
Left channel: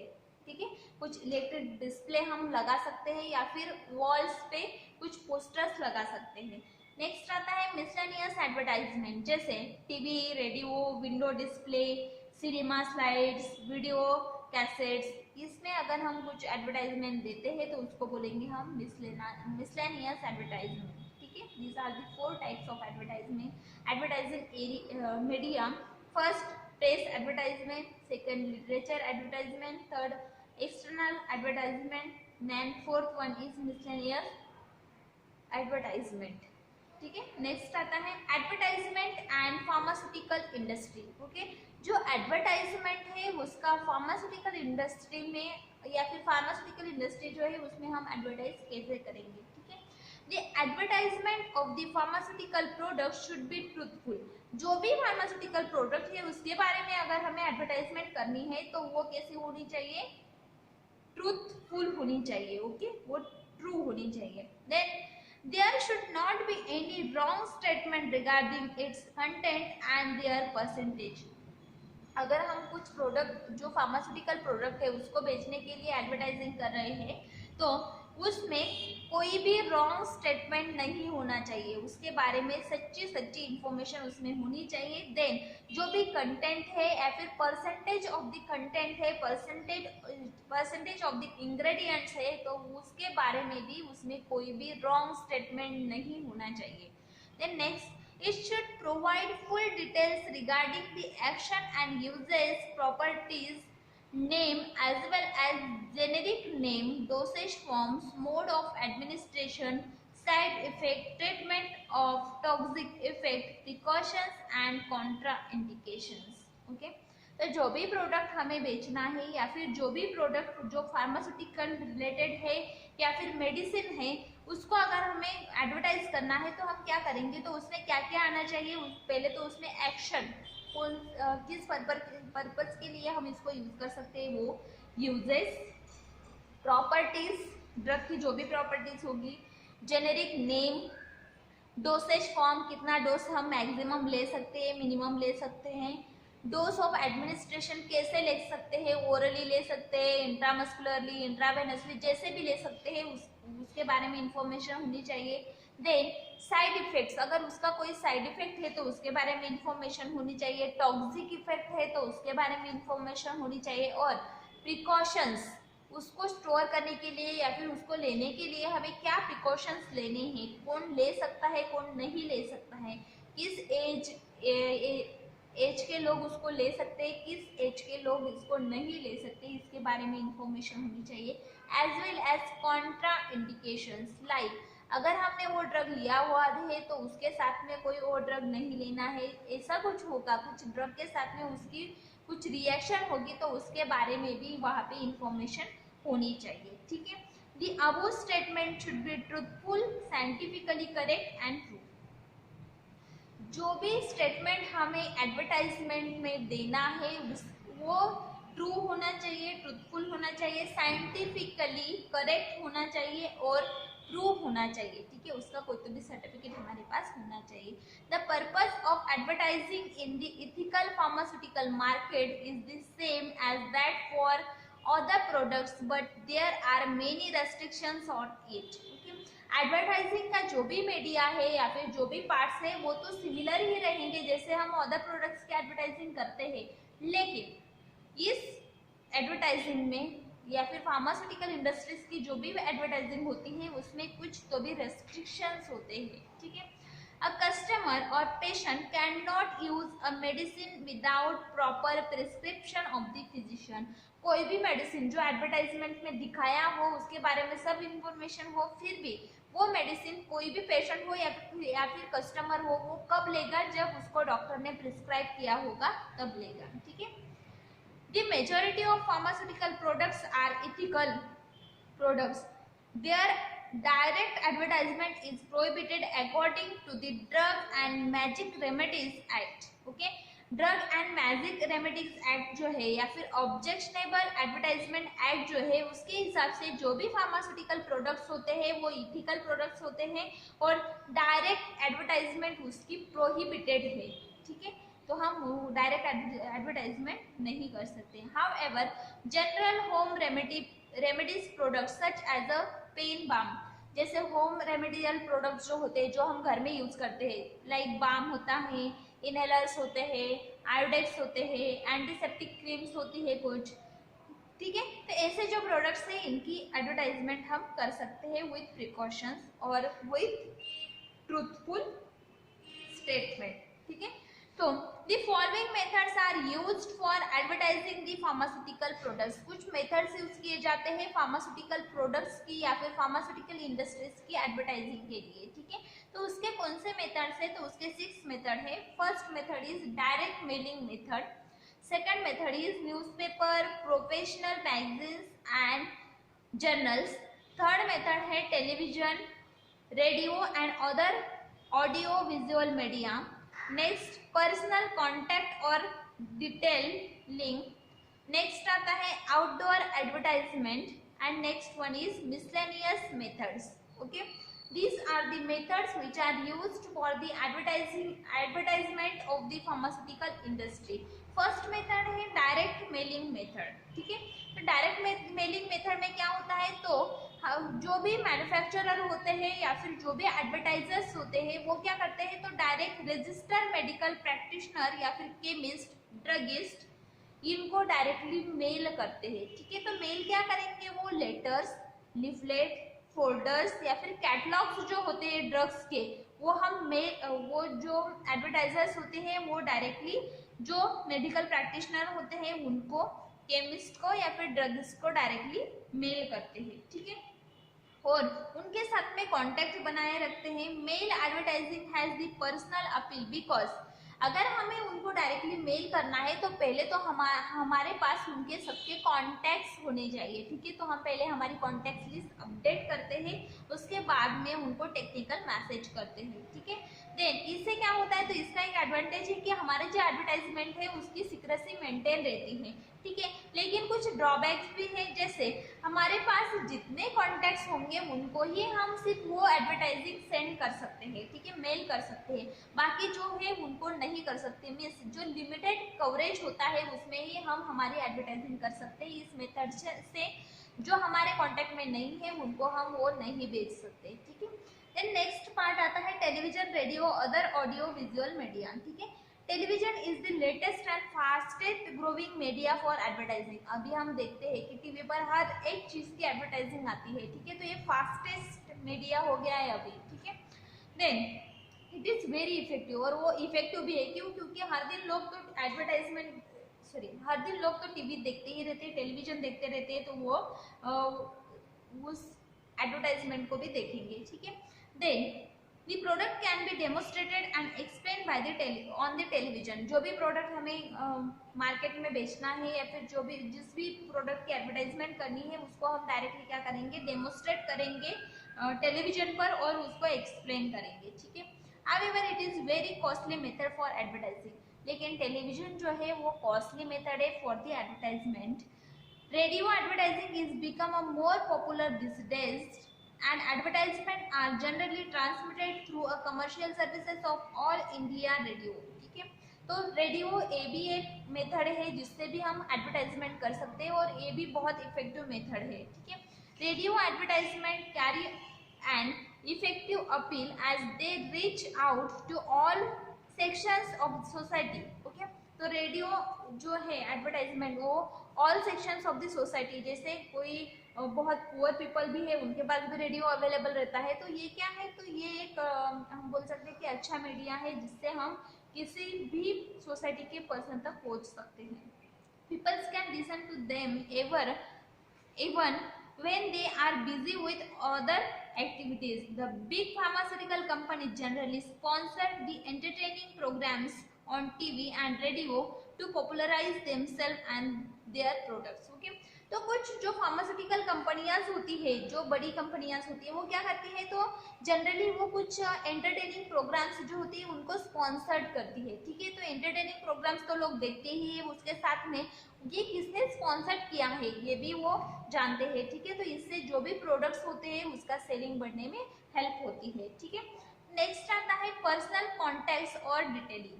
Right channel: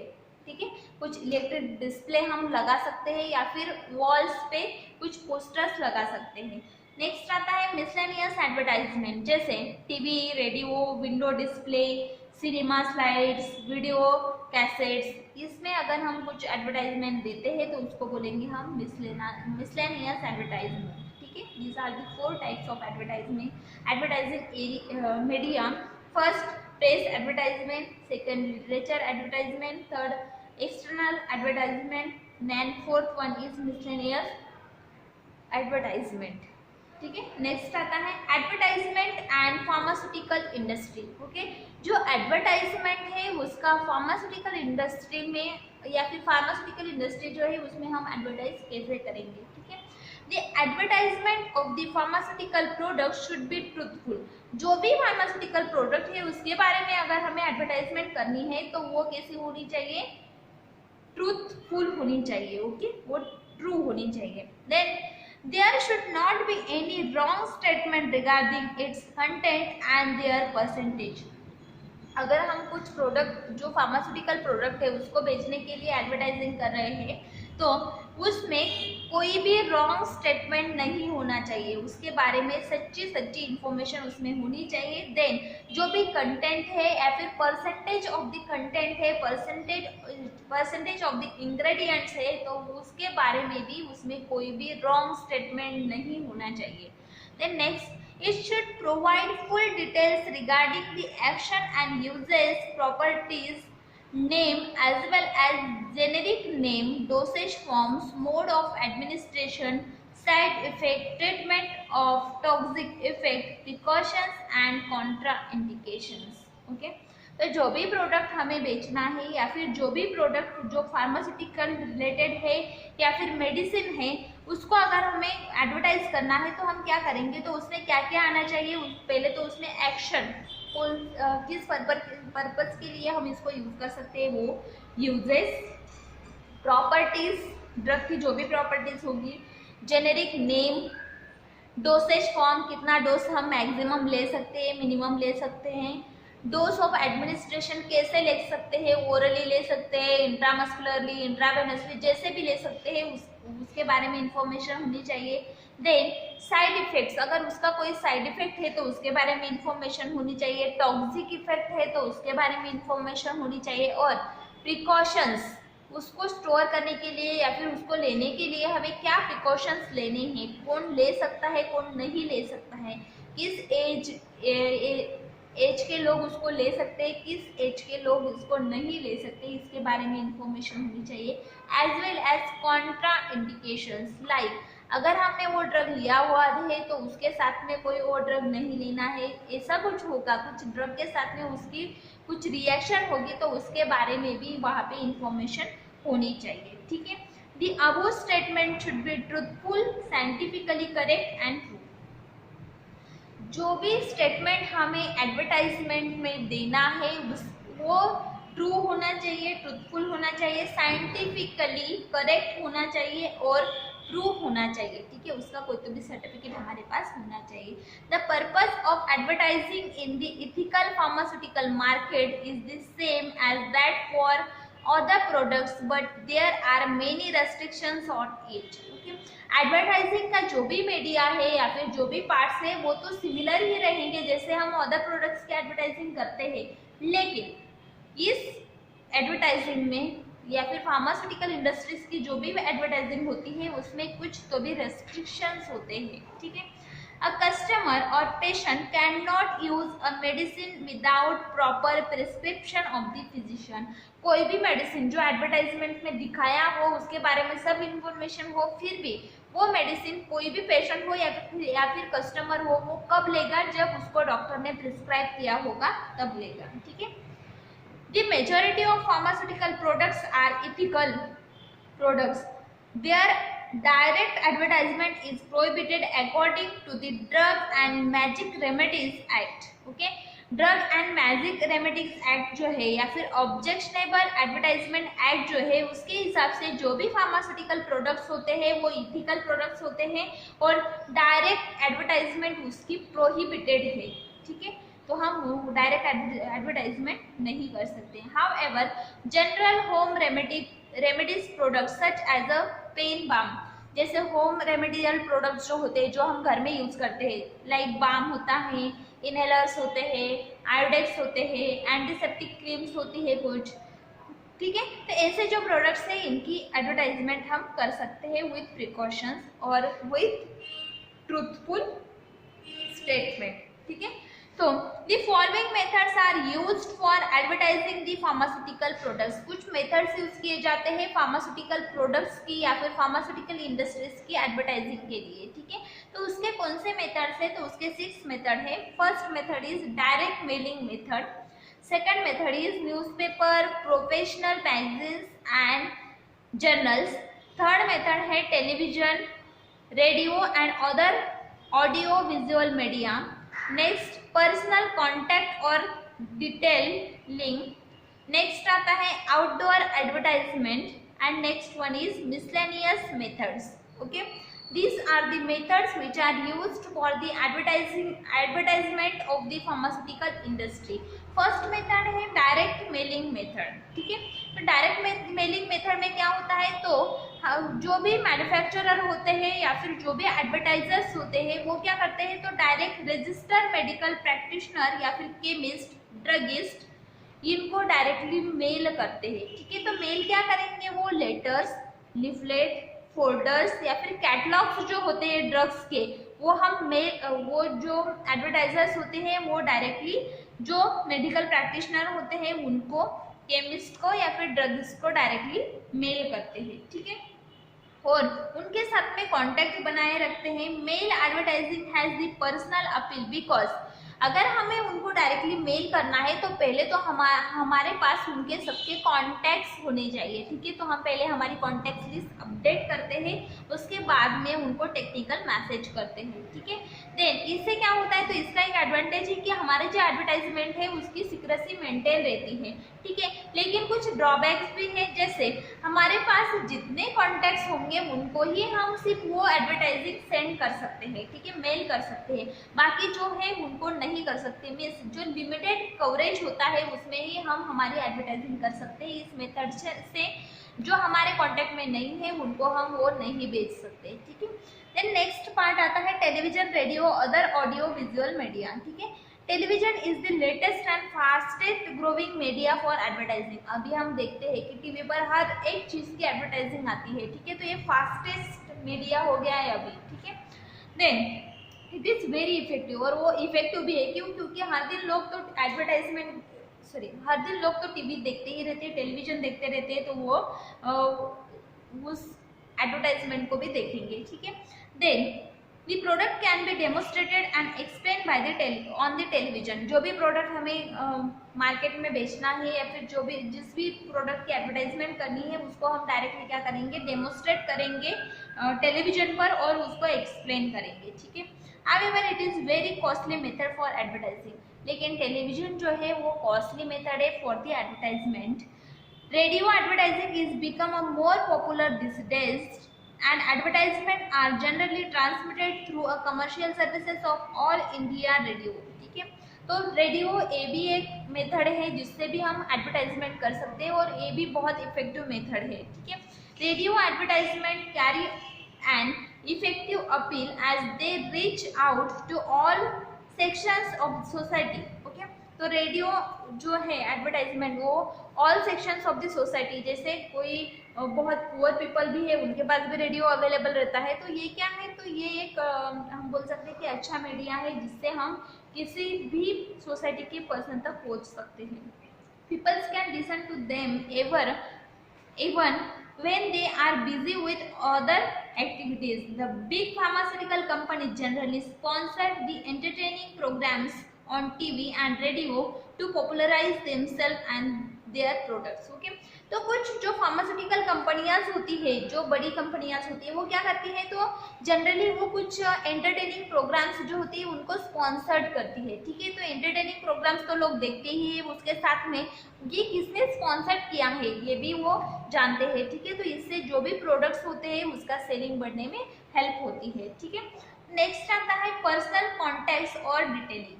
ठीक है, कुछ इलेक्ट्रिक डिस्प्ले हम लगा सकते हैं या फिर वॉल्स पे कुछ पोस्टर्स लगा सकते हैं। नेक्स्ट आता है मिसलेनियस एडवर्टाइजमेंट, जैसे TV, radio, window display, cinema slides, video cassettes, इसमें अगर हम कुछ एडवर्टाइजमेंट देते हैं तो उसको बोलेंगे हम मिसलेनियस एडवर्टाइजमेंट, ठीक है। These are the 4 types of advertising media. First press advertisement, second literature advertisement, third external advertisement, then fourth one is miscellaneous advertisement, ठीक है। नेक्स्ट आता है advertisement and pharmaceutical industry. Okay, जो एडवर्टाइजमेंट है उसका pharmaceutical industry में या फिर फार्मास्यूटिकल इंडस्ट्री जो है उसमें हम एडवर्टाइज कैसे करेंगे, ठीक है। The advertisement of the pharmaceutical product should be truthful. जो भी फार्मास्यूटिकल प्रोडक्ट है उसके बारे में अगर हमें एडवर्टाइजमेंट करनी है तो वो कैसी होनी चाहिए, ट्रूथफुल होनी चाहिए, ओके, वो ट्रू होनी चाहिए। Then there should not be any wrong statement regarding its content and their percentage। अगर हम कुछ प्रोडक्ट जो फार्मास्यूटिकल प्रोडक्ट है उसको बेचने के लिए एडवर्टाइजिंग कर रहे हैं तो उसमें कोई भी रॉन्ग स्टेटमेंट नहीं होना चाहिए, उसके बारे में सच्ची इन्फॉर्मेशन उसमें होनी चाहिए। देन जो भी कंटेंट है या फिर परसेंटेज ऑफ द कंटेंट है, परसेंटेज ऑफ द इंग्रेडिएंट्स है, तो उसके बारे में भी उसमें कोई भी रॉन्ग स्टेटमेंट नहीं होना चाहिए। Then next, it should provide full details regarding the action and uses, properties, name as well as generic name, dosage forms, mode of administration, side effect, treatment of toxic effect, precautions and contraindications। okay, तो जो भी product हमें बेचना है या फिर जो भी प्रोडक्ट जो फार्मास्यूटिकल रिलेटेड है या फिर मेडिसिन है उसको अगर हमें एडवर्टाइज करना है तो हम क्या करेंगे, तो उसमें क्या क्या आना चाहिए, पहले तो उसमें एक्शन, किस पर्पस के लिए हम इसको यूज कर सकते हैं वो यूजेस, प्रॉपर्टीज, ड्रग की जो भी प्रॉपर्टीज होगी, जेनेरिक नेम, डोसेज फॉर्म, कितना डोज हम मैक्सिमम ले सकते हैं, मिनिमम ले सकते हैं, डोज ऑफ एडमिनिस्ट्रेशन कैसे ले सकते हैं, ओरली ले सकते हैं, इंट्रामस्कुलरली, इंट्रावेनसली, जैसे भी ले सकते हैं उसके बारे में इंफॉर्मेशन होनी चाहिए। देन साइड इफेक्ट्स, अगर उसका कोई साइड इफेक्ट है तो उसके बारे में इंफॉर्मेशन होनी चाहिए, टॉक्सिक इफेक्ट है तो उसके बारे में इंफॉर्मेशन होनी चाहिए, और प्रिकॉशंस, उसको स्टोर करने के लिए या फिर उसको लेने के लिए हमें क्या प्रिकॉशंस लेने हैं, कौन ले सकता है कौन नहीं ले सकता है, किस एज के लोग उसको ले सकते हैं, किस एज के लोग उसको नहीं ले सकते, इसके बारे में इंफॉर्मेशन होनी चाहिए। As well as contraindications, like अगर हमने वो ड्रग लिया हुआ है तो उसके साथ में कोई और ड्रग नहीं लेना है, ऐसा कुछ होगा, कुछ ड्रग के साथ में उसकी कुछ रिएक्शन होगी तो उसके बारे में भी वहाँ पे इंफॉर्मेशन होनी चाहिए। ठीक है, the above statement should be truthful, scientifically correct and true. जो भी स्टेटमेंट हमें एडवर्टाइजमेंट में देना है वो ट्रू होना चाहिए, ट्रूथफुल होना चाहिए, साइंटिफिकली करेक्ट होना चाहिए और ट्रू होना चाहिए। ठीक है, उसका कोई तो भी सर्टिफिकेट हमारे पास होना चाहिए। The purpose of advertising in the ethical pharmaceutical market is the same as that for other products but there are many restrictions on it। Advertising का जो भी मीडिया है या फिर जो भी पार्ट्स है वो तो सिमिलर ही रहेंगे जैसे हम अदर प्रोडक्ट्स की एडवर्टाइजिंग करते हैं, लेकिन इस एडवर्टाइजिंग में या फिर फार्मास्यूटिकल इंडस्ट्रीज की जो भी एडवर्टाइजिंग होती है उसमें कुछ तो भी रेस्ट्रिक्शंस होते हैं। ठीक है, A customer or patient cannot use a medicine without proper prescription of the physician। कोई भी मेडिसिन जो एडवर्टाइजमेंट में दिखाया हो उसके बारे में सब इंफॉर्मेशन हो, फिर भी वो मेडिसिन कोई भी पेशेंट हो या फिर कस्टमर हो वो कब लेगा, जब उसको डॉक्टर ने प्रिस्क्राइब किया होगा तब लेगा। ठीक है, The majority of pharmaceutical products are ethical products. Their direct advertisement is prohibited according to the Drug and Magic Remedies Act। Okay, drug and magic remedies act जो है या फिर ऑब्जेक्शनेबल एडवर्टाइजमेंट एक्ट जो है उसके हिसाब से जो भी फार्मास्यूटिकल प्रोडक्ट्स होते हैं वो इथिकल प्रोडक्ट्स होते हैं और डायरेक्ट एडवर्टाइजमेंट उसकी प्रोहिबिटेड है। ठीक है, तो हम डायरेक्ट एडवर्टाइजमेंट नहीं कर सकते। However general home remedies products such as a pain balm, जैसे होम रेमेडियल प्रोडक्ट्स जो होते हैं जो हम घर में यूज करते हैं, लाइक बाम होता है, इनहेलर्स होते हैं, आयोडेक्स होते हैं, एंटीसेप्टिक क्रीम्स होती है कुछ। ठीक है, तो ऐसे जो प्रोडक्ट्स हैं इनकी एडवर्टाइजमेंट हम कर सकते हैं विथ प्रिकॉशंस और विथ ट्रूथफुल स्टेटमेंट। ठीक है, तो the following methods are used for advertising the pharmaceutical products। कुछ मेथड्स यूज किए जाते हैं फार्मास्यूटिकल प्रोडक्ट्स की या फिर फार्मास्यूटिकल इंडस्ट्रीज की एडवर्टाइजिंग के लिए। ठीक है, तो उसके कौन से मेथड्स है, तो उसके 6 मेथड है। First method is direct mailing method, second method is newspaper, professional magazines and journals, third method है television, radio and other audio visual media, next personal contact और डिटेलिंग, नेक्स्ट आता है outdoor advertisement and next one is miscellaneous methods. Okay, these are the methods which are used for the advertisement of the pharmaceutical industry। First method है direct mailing method. ठीक है, तो direct mailing method में क्या होता है, तो जो भी मैन्युफैक्चरर होते हैं या फिर जो भी एडवर्टाइजर्स होते हैं वो क्या करते हैं, तो डायरेक्ट रजिस्टर्ड मेडिकल प्रैक्टिशनर या फिर केमिस्ट, ड्रगिस्ट, इनको डायरेक्टली मेल करते हैं। ठीक है, तो मेल क्या करेंगे, वो लेटर्स, लिफलेट, फोल्डर्स या फिर कैटलॉग्स जो होते हैं ड्रग्स के वो वो जो एडवर्टाइजर्स होते हैं वो डायरेक्टली जो मेडिकल प्रैक्टिशनर होते हैं उनको, केमिस्ट को या फिर ड्रगिस्ट को डायरेक्टली मेल करते हैं। ठीक है, और उनके साथ में कांटेक्ट बनाए रखते हैं। Mail advertising has the personal appeal because अगर हमें उनको डायरेक्टली मेल करना है तो पहले तो हमारे पास उनके सबके कॉन्टैक्ट्स होने चाहिए, ठीक है। तो हम पहले हमारी कॉन्टैक्ट लिस्ट अपडेट करते हैं, उसके बाद में उनको टेक्निकल मैसेज करते हैं, ठीक है। देन इससे क्या होता है, तो इसका एक एडवांटेज है कि हमारे जो एडवर्टाइजमेंट है उसकी सीक्रेसी मेंटेन रहती है, ठीक है। लेकिन कुछ ड्रॉबैक्स भी है, जैसे हमारे पास जितने कॉन्टैक्ट्स होंगे उनको ही हम सिर्फ वो एडवर्टाइजिंग सेंड कर सकते हैं, ठीक है, मेल कर सकते हैं, बाकी जो है उनको नहीं कर सकते। मीन्स जो लिमिटेड कवरेज होता है उसमें ही हम हमारी एडवर्टाइजिंग कर सकते हैं। इस मेथड से जो हमारे कॉन्टैक्ट में नहीं है उनको हम वो नहीं बेच सकते, ठीक है। देन नेक्स्ट पार्ट आता है television, radio, other audio visual media, ठीक है। Television is the latest and fastest growing media for advertising. अभी हम देखते हैं कि टीवी पर हर एक चीज की एडवर्टाइजिंग आती है, ठीक है। तो ये फास्टेस्ट मीडिया हो गया है अभी, ठीक है। Then it is very effective, और वो इफेक्टिव भी है क्यों, क्योंकि हर दिन लोग तो हर दिन लोग तो टीवी देखते ही रहते हैं, टेलीविजन देखते रहते हैं, तो वो उस एडवर्टाइजमेंट को भी देखेंगे, ठीक है। Then the product can be demonstrated and explain by the on the television. जो भी प्रोडक्ट हमें मार्केट में बेचना है या फिर जो भी जिस भी प्रोडक्ट की एडवर्टाइजमेंट करनी है उसको हम डायरेक्टली क्या करेंगे, डेमोस्ट्रेट करेंगे टेलीविजन पर और उसको एक्सप्लेन करेंगे, ठीक है। However, it is very costly method for advertising. लेकिन टेलीविजन जो है वो कॉस्टली मेथड है for the advertisement. Radio advertising is become a more popular this days and advertisement are generally transmitted through a commercial services of all India radio, ठीक है। तो radio ये भी एक मेथड है जिससे भी हम एडवर्टाइजमेंट कर सकते हैं और ये भी बहुत इफेक्टिव मेथड है, ठीक है। Radio advertisement carry an effective appeal as they reach out to all sections of society, okay. तो रेडियो जो है एडवर्टाइजमेंट वो all sections of the society, जैसे कोई बहुत पुअर पीपल भी है उनके पास भी रेडियो अवेलेबल रहता है, तो ये क्या है, तो ये एक हम बोल सकते हैं कि अच्छा मीडिया है जिससे हम किसी भी सोसाइटी के पर्सन तक पहुंच सकते हैं। Peoples can listen to them even when they are busy with other activities. The big pharmaceutical companies generally sponsor the entertaining programs on TV and radio to popularize themselves and their products, okay। तो कुछ जो pharmaceutical कंपनियां होती है, जो बड़ी कंपनियां होती है, वो क्या करती है, तो जनरली वो कुछ एंटरटेनिंग प्रोग्राम्स जो होती है उनको स्पॉन्सर्ड करती है, ठीक है। तो एंटरटेनिंग प्रोग्राम्स तो लोग देखते ही है, उसके साथ में ये किसने स्पॉन्सर्ड किया है ये भी वो जानते हैं, ठीक है। तो इससे जो भी प्रोडक्ट्स होते हैं उसका सेलिंग बढ़ने में हेल्प होती है, ठीक है। नेक्स्ट आता है पर्सनल कॉन्टैक्ट्स और डिटेलिंग।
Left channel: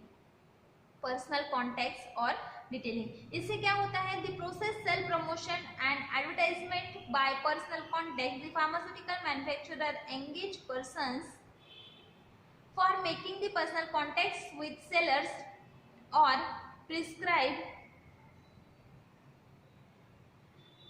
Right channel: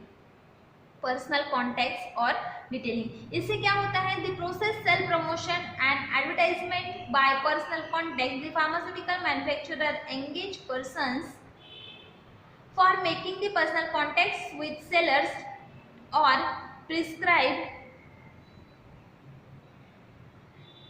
पर्सनल कॉन्टैक्ट्स और डिटेलिंग, इससे क्या होता है, the process sale promotion and advertisement by personal contact. The pharmaceutical manufacturer engage persons for making the personal contacts with sellers और prescribe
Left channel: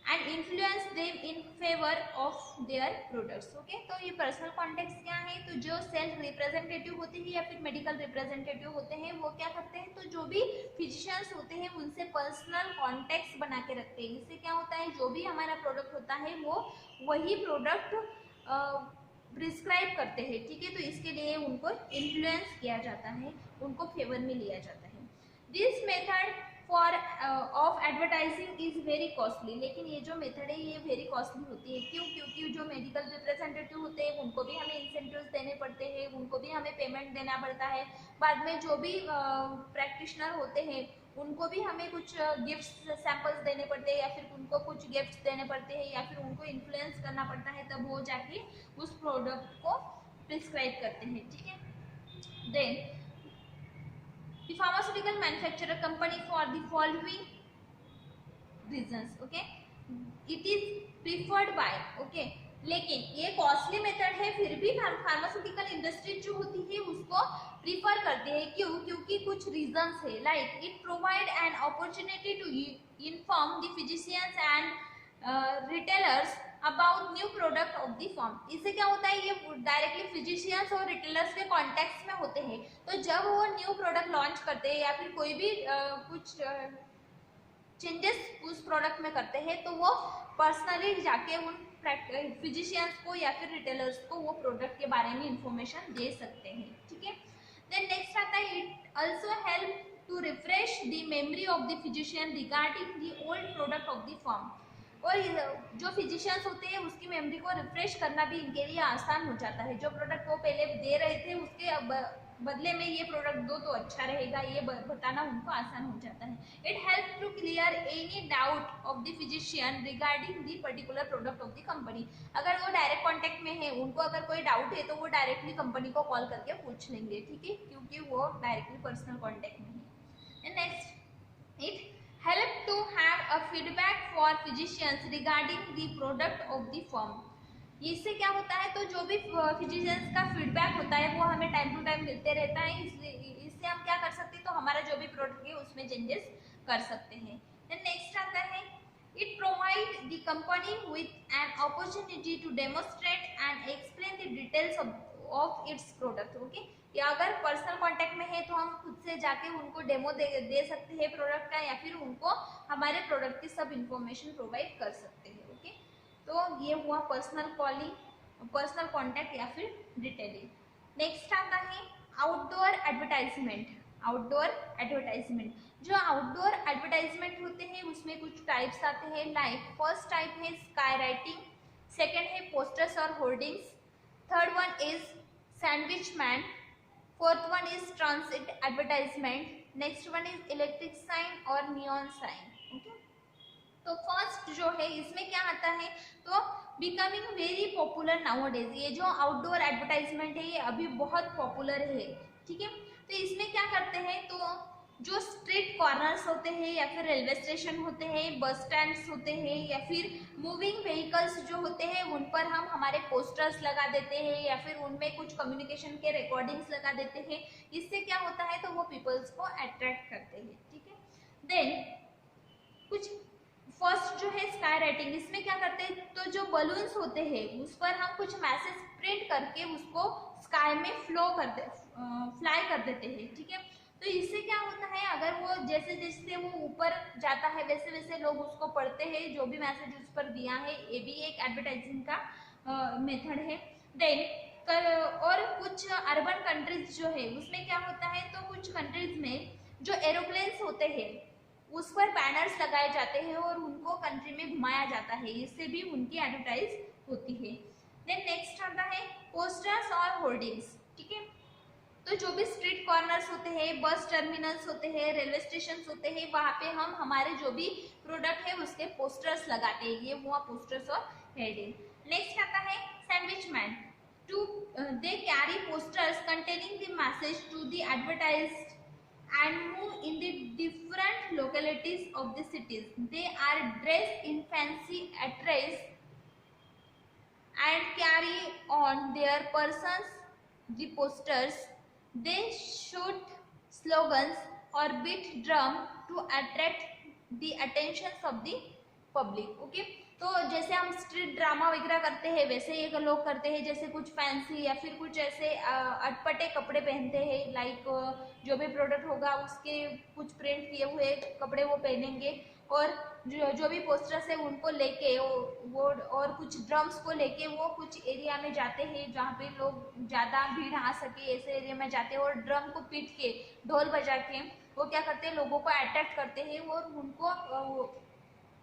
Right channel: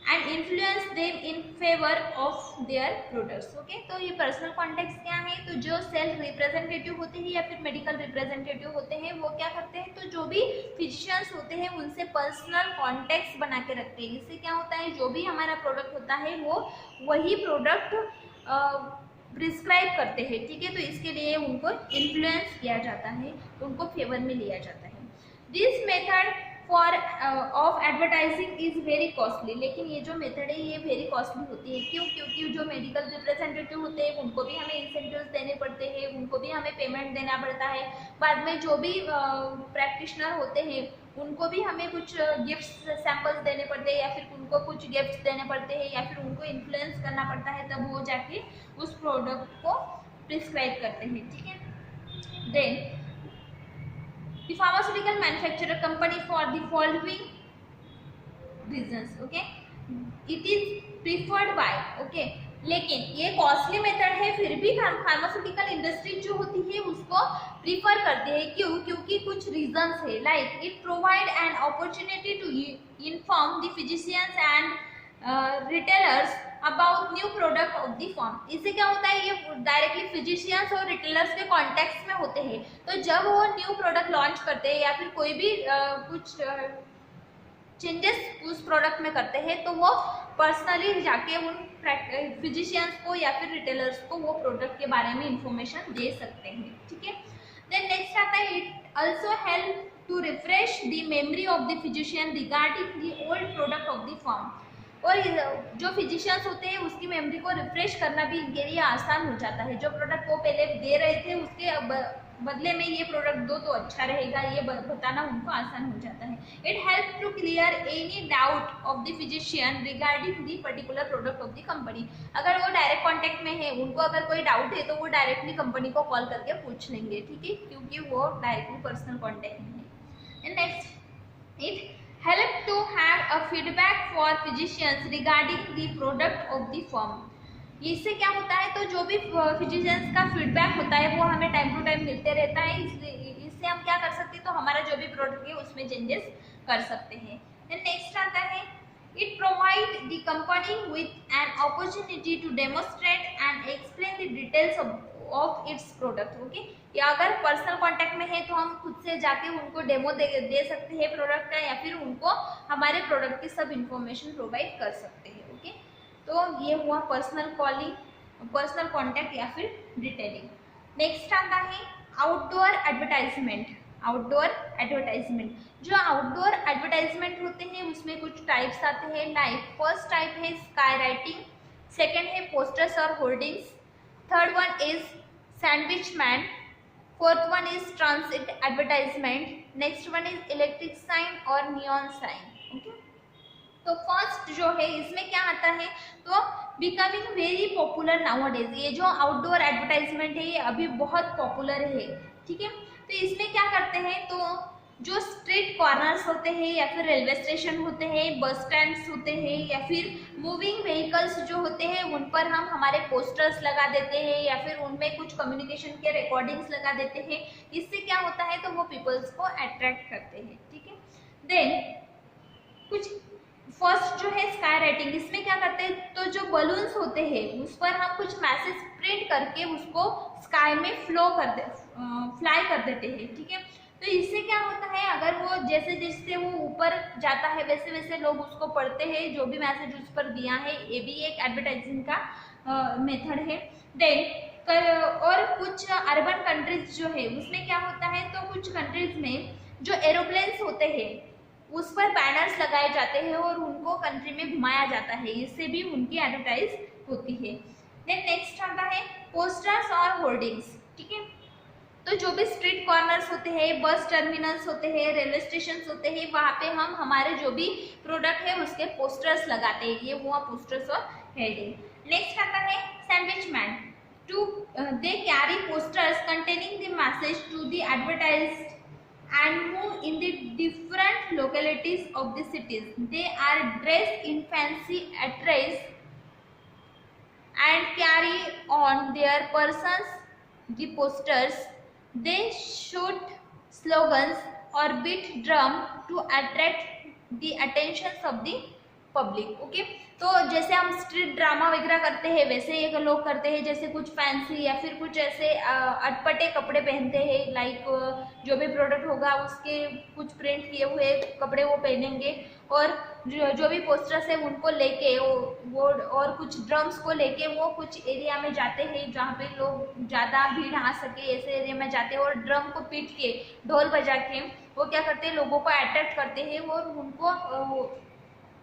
and influence them in favour of their products, okay. तो ये personal contacts क्या है, तो जो sales representative होते हैं या फिर मेडिकल रिप्रेजेंटेटिव होते हैं वो क्या करते हैं, तो जो भी फिजिशियंस होते हैं उनसे पर्सनल कॉन्टैक्ट्स बना के रखते हैं। इससे क्या होता है, जो भी हमारा प्रोडक्ट होता है वो वही प्रोडक्ट प्रिस्क्राइब करते हैं, ठीक है। तो इसके लिए उनको इन्फ्लुएंस किया जाता है, उनको फेवर में लिया जाता है। This method for of advertising is very costly, लेकिन ये जो मेथड है ये वेरी कॉस्टली होती है, क्यों, क्योंकि जो मेडिकल रिप्रेजेंटेटिव होते हैं उनको भी हमें इंसेंटिव्स देने पड़ते हैं, उनको भी हमें पेमेंट देना पड़ता है। बाद में जो भी प्रैक्टिशनर होते हैं उनको भी हमें कुछ गिफ्ट्स सैम्पल्स देने पड़ते हैं या फिर उनको कुछ गिफ्ट्स देने पड़ते हैं या फिर उनको इन्फ्लुएंस करना पड़ता है, तब वो जाके उस प्रोडक्ट को प्रिस्क्राइब करते हैं, ठीक है। Then the pharmaceutical manufacturer company for the following reasons, okay, it is preferred by, okay। लेकिन ये कॉस्टली मेथड है फिर भी फार्मास्यूटिकल इंडस्ट्री जो होती है उसको प्रीफर करते हैं, क्यों, क्योंकि कुछ रीजंस है, like it provide an opportunity to inform the physicians and retailers about new product of the form. इससे क्या होता है, ये डायरेक्टली फिजिशियंस और रिटेलर्स के कॉन्टेक्ट में होते हैं, तो जब वो न्यू प्रोडक्ट लॉन्च करते हैं या फिर कोई भी कुछ चेंजेस उस प्रोडक्ट में करते हैं तो वो पर्सनली जाके उन फिजिशियंस को या फिर रिटेलर्स को वो प्रोडक्ट के बारे में इंफॉर्मेशन दे सकते हैं, ठीक है। देन नेक्स्ट आता है it also help to refresh the memory of the physician regarding the old product of the firm. और जो फिजिशियंस होते हैं उसकी मेमोरी को रिफ्रेश करना भी इनके लिए आसान हो जाता है। जो प्रोडक्ट वो पहले दे रहे थे उसके बदले में ये प्रोडक्ट दो तो अच्छा रहेगा, ये बताना उनको आसान हो जाता है। It help to clear any doubt of the physician regarding the particular product of the company. अगर वो डायरेक्ट कॉन्टेक्ट में है, उनको अगर कोई डाउट है तो वो डायरेक्टली कंपनी को कॉल करके पूछ लेंगे, ठीक है, क्योंकि वो डायरेक्टली पर्सनल कॉन्टेक्ट में है। Next it help to have a feedback for physicians regarding the product of the firm। इससे क्या होता है, तो जो भी फिजिशियंस का फीडबैक होता है वो हमें टाइम टू टाइम मिलते रहता है। इससे हम क्या कर सकते हैं, तो हमारा जो भी प्रोडक्ट है उसमें चेंजेस कर सकते हैं। नेक्स्ट आता है it provide the company with an opportunity to demonstrate and explain the details of its product. Okay, या अगर पर्सनल कांटेक्ट में है तो हम खुद से जाके उनको डेमो दे सकते हैं प्रोडक्ट का, या फिर उनको हमारे प्रोडक्ट की सब इंफॉर्मेशन प्रोवाइड कर सकते हैं। ओके, तो ये हुआ पर्सनल कॉलिंग, पर्सनल कांटेक्ट या फिर डिटेलिंग। नेक्स्ट आता है आउटडोर एडवर्टाइजमेंट। आउटडोर एडवर्टाइजमेंट, जो आउटडोर एडवर्टाइजमेंट होते हैं उसमें कुछ टाइप्स आते हैं। लाइक फर्स्ट टाइप है स्काई राइटिंग, सेकेंड है पोस्टर्स और hoardings, third one is sandwich man, fourth one is transit advertisement, next one is electric sign और नियॉन साइन। ओके, तो फर्स्ट जो है इसमें क्या आता है, तो बिकमिंग वेरी पॉपुलर नाउअडेज। ये जो आउटडोर एडवर्टाइजमेंट है ये अभी बहुत पॉपुलर है, ठीक है। तो इसमें क्या करते हैं, तो जो स्ट्रीट कॉर्नर्स होते हैं या फिर रेलवे स्टेशन होते हैं, बस स्टैंड्स होते हैं, या फिर मूविंग व्हीकल्स जो होते हैं उन पर हम हमारे पोस्टर्स लगा देते हैं, या फिर उनमें कुछ कम्युनिकेशन के रिकॉर्डिंग्स लगा देते हैं। इससे क्या होता है, तो वो पीपल्स को अट्रैक्ट करते हैं, ठीक है। देन कुछ फर्स्ट जो है स्काई राइटिंग, इसमें क्या करते हैं, तो जो बलून्स होते हैं उस पर हम कुछ मैसेज प्रिंट करके उसको स्काई में फ्लाई कर देते हैं, ठीक है। तो इससे क्या होता है, अगर वो जैसे जैसे वो ऊपर जाता है वैसे वैसे लोग उसको पढ़ते हैं, जो भी मैसेज उस पर दिया है। ये भी एक एडवर्टाइजिंग का मेथड है। देन और कुछ अर्बन कंट्रीज जो है उसमें क्या होता है, तो कुछ कंट्रीज में जो एरोप्लेन्स होते हैं उस पर बैनर्स लगाए जाते हैं और उनको कंट्री में घुमाया जाता है, इससे भी उनकी एडवर्टाइज होती है। देन नेक्स्ट आता है पोस्टर्स और होर्डिंग्स, ठीक है। तो जो भी स्ट्रीट कॉर्नर्स होते हैं, बस टर्मिनल्स होते हैं, रेलवे स्टेशन होते हैं, वहाँ पे हम हमारे जो भी प्रोडक्ट है उसके पोस्टर्स लगाते हैं। ये हुआ पोस्टर्स और हेडिंग। नेक्स्ट आता है sandwich man. To they carry posters containing the message to the advertised and move in the different localities of the cities. They are dressed in fancy attires and carry on their persons the posters. They shoot slogans or beat drum to attract the attentions of the public. Okay, तो जैसे हम street drama वगैरह करते हैं वैसे ये लोग करते हैं, जैसे कुछ फैंसी या फिर कुछ ऐसे अटपटे कपड़े पहनते हैं। लाइक जो भी प्रोडक्ट होगा उसके कुछ प्रिंट किए हुए कपड़े वो पहनेंगे, और जो भी पोस्टर्स है उनको लेके वो और कुछ ड्रम्स को लेके वो कुछ एरिया में जाते हैं जहाँ पे लोग ज़्यादा भीड़ आ सके, ऐसे एरिया में जाते हैं और ड्रम को पीट के ढोल बजा के वो क्या करते हैं, लोगों को अट्रैक्ट करते हैं और उनको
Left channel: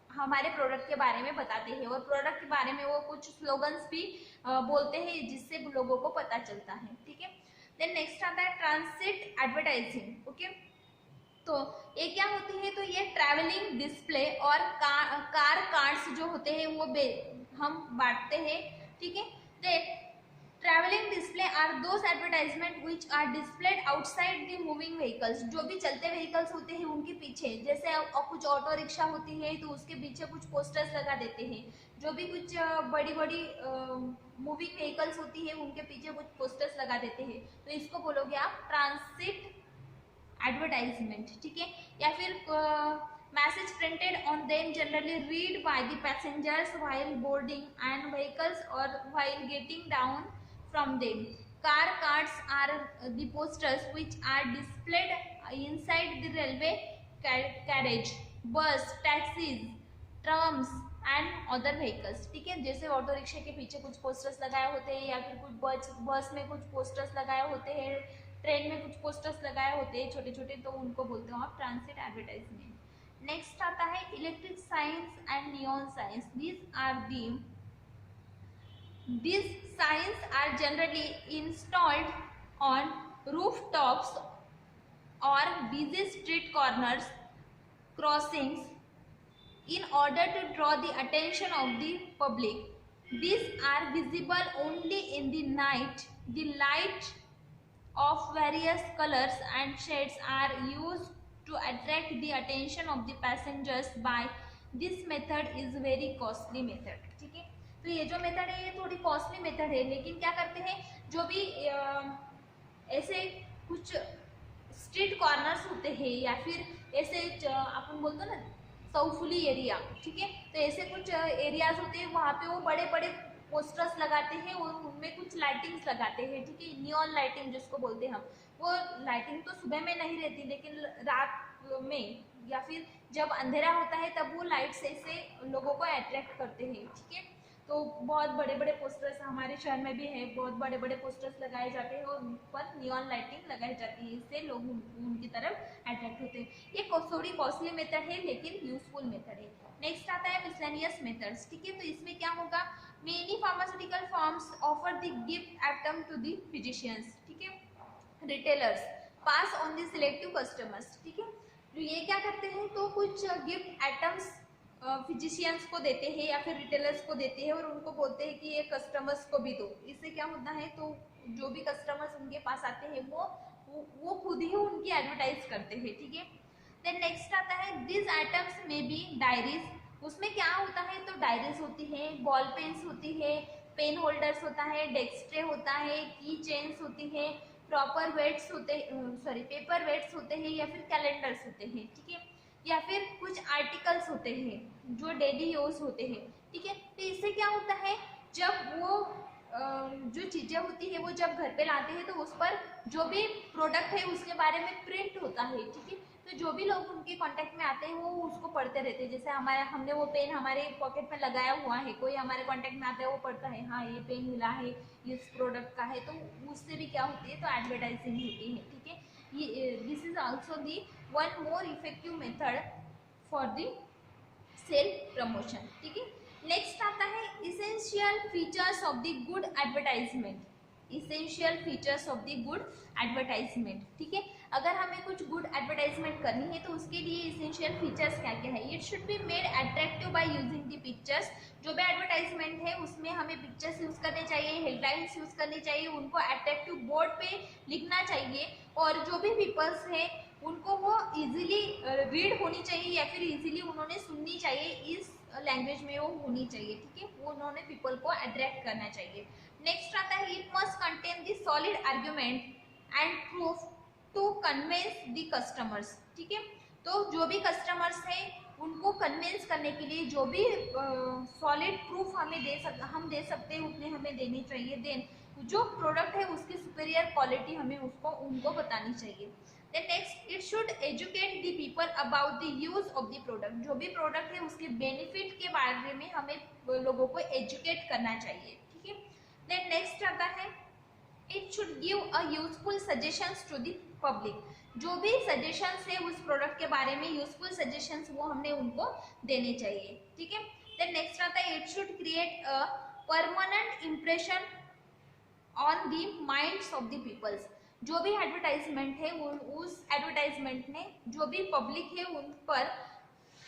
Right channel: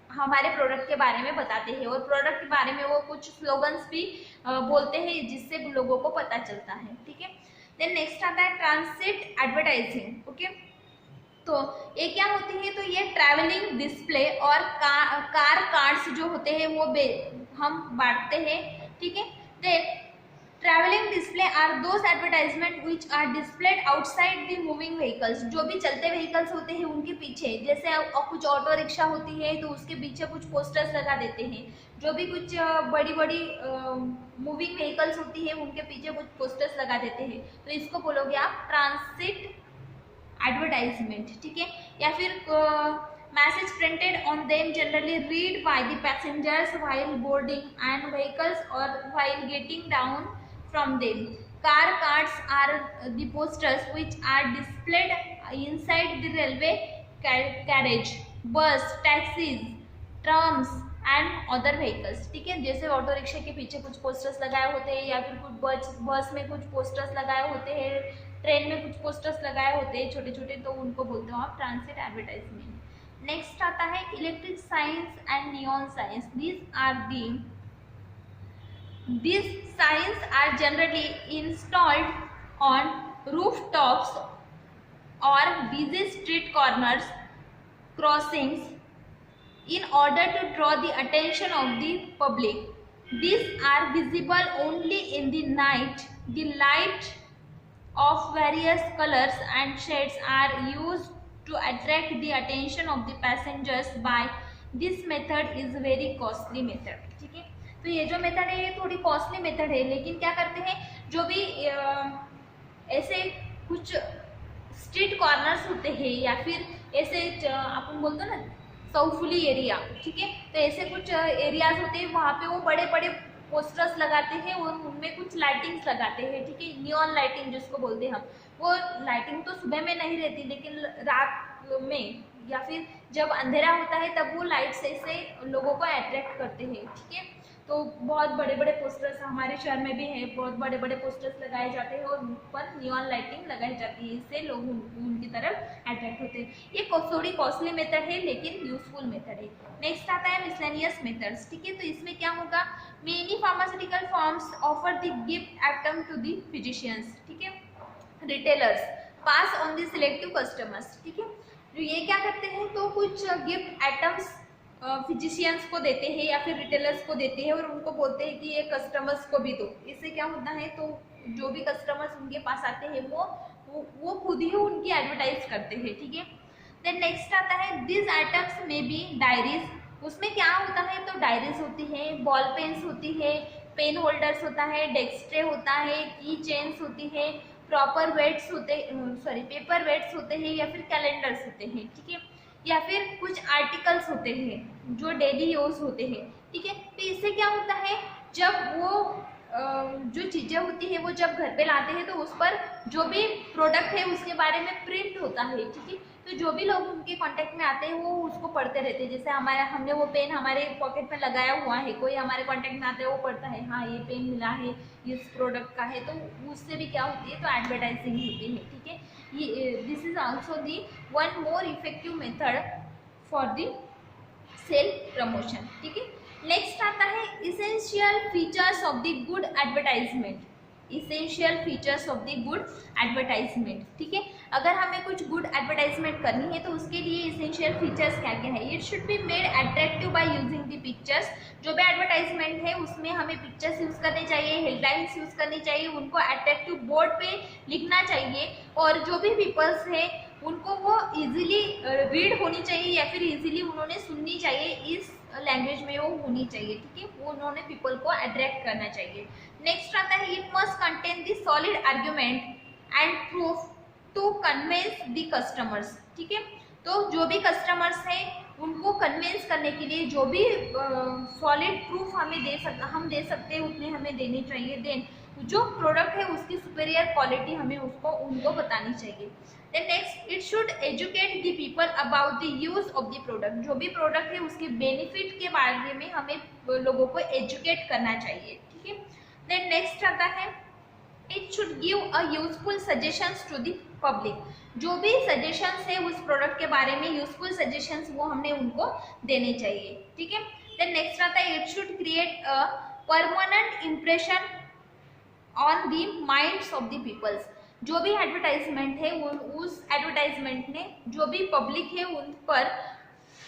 हमारे प्रोडक्ट के बारे में बताते हैं, और प्रोडक्ट के बारे में वो कुछ स्लोगन्स भी बोलते हैं जिससे लोगों को पता चलता है, ठीक है। देन नेक्स्ट आता है ट्रांसिट एडवर्टाइजिंग। ओके, तो ये क्या होती है, तो ये ट्रैवलिंग डिस्प्ले और कार कार्ड्स जो होते हैं वो हम बांटते हैं, ठीक है। Then travelling display are those advertisement which are displayed outside the moving vehicles. जो भी चलते व्हीकल्स होते हैं उनके पीछे, जैसे कुछ ऑटो रिक्शा होती है तो उसके पीछे कुछ पोस्टर्स लगा देते हैं। जो भी कुछ बड़ी बड़ी मूविंग व्हीकल्स होती है उनके पीछे कुछ पोस्टर्स लगा देते हैं, तो इसको बोलोगे आप ट्रांसिट एडवर्टाइजमेंट, ठीक है। या फिर message printed on them generally read by the passengers while boarding and vehicles और while getting down from them. Car cards are the posters which are displayed inside the railway carriage, bus, taxis, trams and other vehicles, ठीक है। जैसे auto rickshaw के पीछे कुछ posters लगाए होते हैं या फिर कुछ बस में कुछ पोस्टर्स लगाए होते हैं, ट्रेन में कुछ पोस्टर्स लगाए होते हैं छोटे छोटे, तो उनको बोलते हो आप ट्रांसिट एडवर्टाइजमेंट। नेक्स्ट आता है electric science and neon science. These signs are generally installed on rooftops or busy street corners, crossings in order to draw the attention of the public. These are visible only in the night. The light of various colors and shades are used to attract the attention of the passengers. By this method is very costly method। ठीक है, तो ये जो method है ये थोड़ी costly method है, लेकिन क्या करते हैं जो भी ऐसे कुछ स्ट्रीट कॉर्नर्स होते हैं या फिर ऐसे अपन बोलते हैं ना साउफुली एरिया, ठीक है, तो ऐसे कुछ एरियाज होते हैं वहाँ पे वो बड़े बड़े पोस्टर्स लगाते हैं और उनमें कुछ लाइटिंग्स लगाते हैं। ठीक है, नियॉन लाइटिंग जिसको बोलते हैं हम, वो लाइटिंग तो सुबह में नहीं रहती लेकिन रात में या फिर जब अंधेरा होता है तब वो लाइट से लोगों को अट्रैक्ट करते हैं। ठीक है, तो बहुत बड़े बड़े पोस्टर्स हमारे शहर में भी है, बहुत बड़े बड़े पोस्टर्स लगाए जाते हैं और उन पर नियॉन लाइटिंग लगाई जाती है, इससे लोग उनकी तरफ अट्रैक्ट होते हैं। ये थोड़ी कॉस्टली मेथड है लेकिन यूजफुल मेथड है। नेक्स्ट आता है मिसलेनियस मेथड्स। ठीक है, तो इसमें क्या होगा, many pharmaceutical firms offer the gift item to the physicians, ठीक है, retailers pass on the selective customers. ठीक है, तो ये क्या करते हैं, तो कुछ गिफ्ट आइटम्स फिजिशियंस को देते हैं या फिर रिटेलर्स को देते हैं और उनको बोलते हैं कि ये कस्टमर्स को भी दो। इससे क्या होता है, तो जो भी कस्टमर्स उनके पास आते हैं वो खुद ही उनकी एडवर्टाइज करते हैं। ठीक है, देन नेक्स्ट आता है दिस आइटम्स में बी डायरीज। उसमें क्या होता है, तो डायरीज होती है, बॉल पेन्स होती है, पेन होल्डर्स होता है, डेस्क ट्रे होता है, की चेन्स होती है, प्रॉपर वेट्स होते पेपर वेट्स होते हैं या फिर कैलेंडर्स होते हैं। ठीक है, या फिर कुछ आर्टिकल्स होते हैं जो डेली यूज होते हैं। ठीक है, तो इससे क्या होता है, जब वो जो चीज़ें होती है वो जब घर पे लाते हैं तो उस पर जो भी प्रोडक्ट है उसके बारे में प्रिंट होता है। ठीक है, तो जो भी लोग उनके कांटेक्ट में आते हैं वो उसको पढ़ते रहते हैं। जैसे हमने वो पेन हमारे पॉकेट में लगाया हुआ है, कोई हमारे कांटेक्ट में आता है वो पढ़ता है, हाँ ये पेन मिला है इस प्रोडक्ट का है, तो उससे भी क्या होती है, तो एडवर्टाइजिंग होती है। ठीक है, ये this is also the one more effective method for the sale promotion. ठीक है, नेक्स्ट आता है essential features of the good advertisement. Essential features of the good advertisement. ठीक है, अगर हमें कुछ गुड एडवर्टाइजमेंट करनी है तो उसके लिए इसेंशियल फीचर्स क्या क्या है। It should be made attractive by using the pictures. जो भी एडवर्टाइजमेंट है उसमें हमें पिक्चर्स यूज करनी चाहिए, हेडलाइंस यूज करनी चाहिए, उनको अट्रैक्टिव बोर्ड पे लिखना चाहिए और जो भी पीपल्स है उनको वो इजीली रीड होनी चाहिए या फिर इजीली उन्होंने सुननी चाहिए, इस लैंग्वेज में वो होनी चाहिए। ठीक है, वो उन्होंने पीपल को अट्रैक्ट करना चाहिए। नेक्स्ट आता है it must contain the solid argument and proof to convince the customers. ठीक है, तो जो भी कस्टमर्स हैं उनको कन्विंस करने के लिए जो भी सॉलिड प्रूफ हम दे सकते हैं उतने हमें देने चाहिए। देन जो प्रोडक्ट है उसकी सुपीरियर क्वालिटी हमें उनको बतानी चाहिए। Then next it should educate the people about the use of the product. जो भी प्रोडक्ट है उसके बेनिफिट के बारे में हमें लोगों को एजुकेट करना चाहिए। ठीक है, देन नेक्स्ट आता है it should give a useful suggestions to the public. जो भी सजेशंस है उस प्रोडक्ट के बारे में यूजफुल सजेशंस वो हमने उनको देने चाहिए। ठीक है, देन नेक्स्ट आता है it should create a permanent impression on the minds of the peoples. जो भी एडवर्टाइजमेंट है उस एडवर्टाइजमेंट ने जो भी पब्लिक है उन पर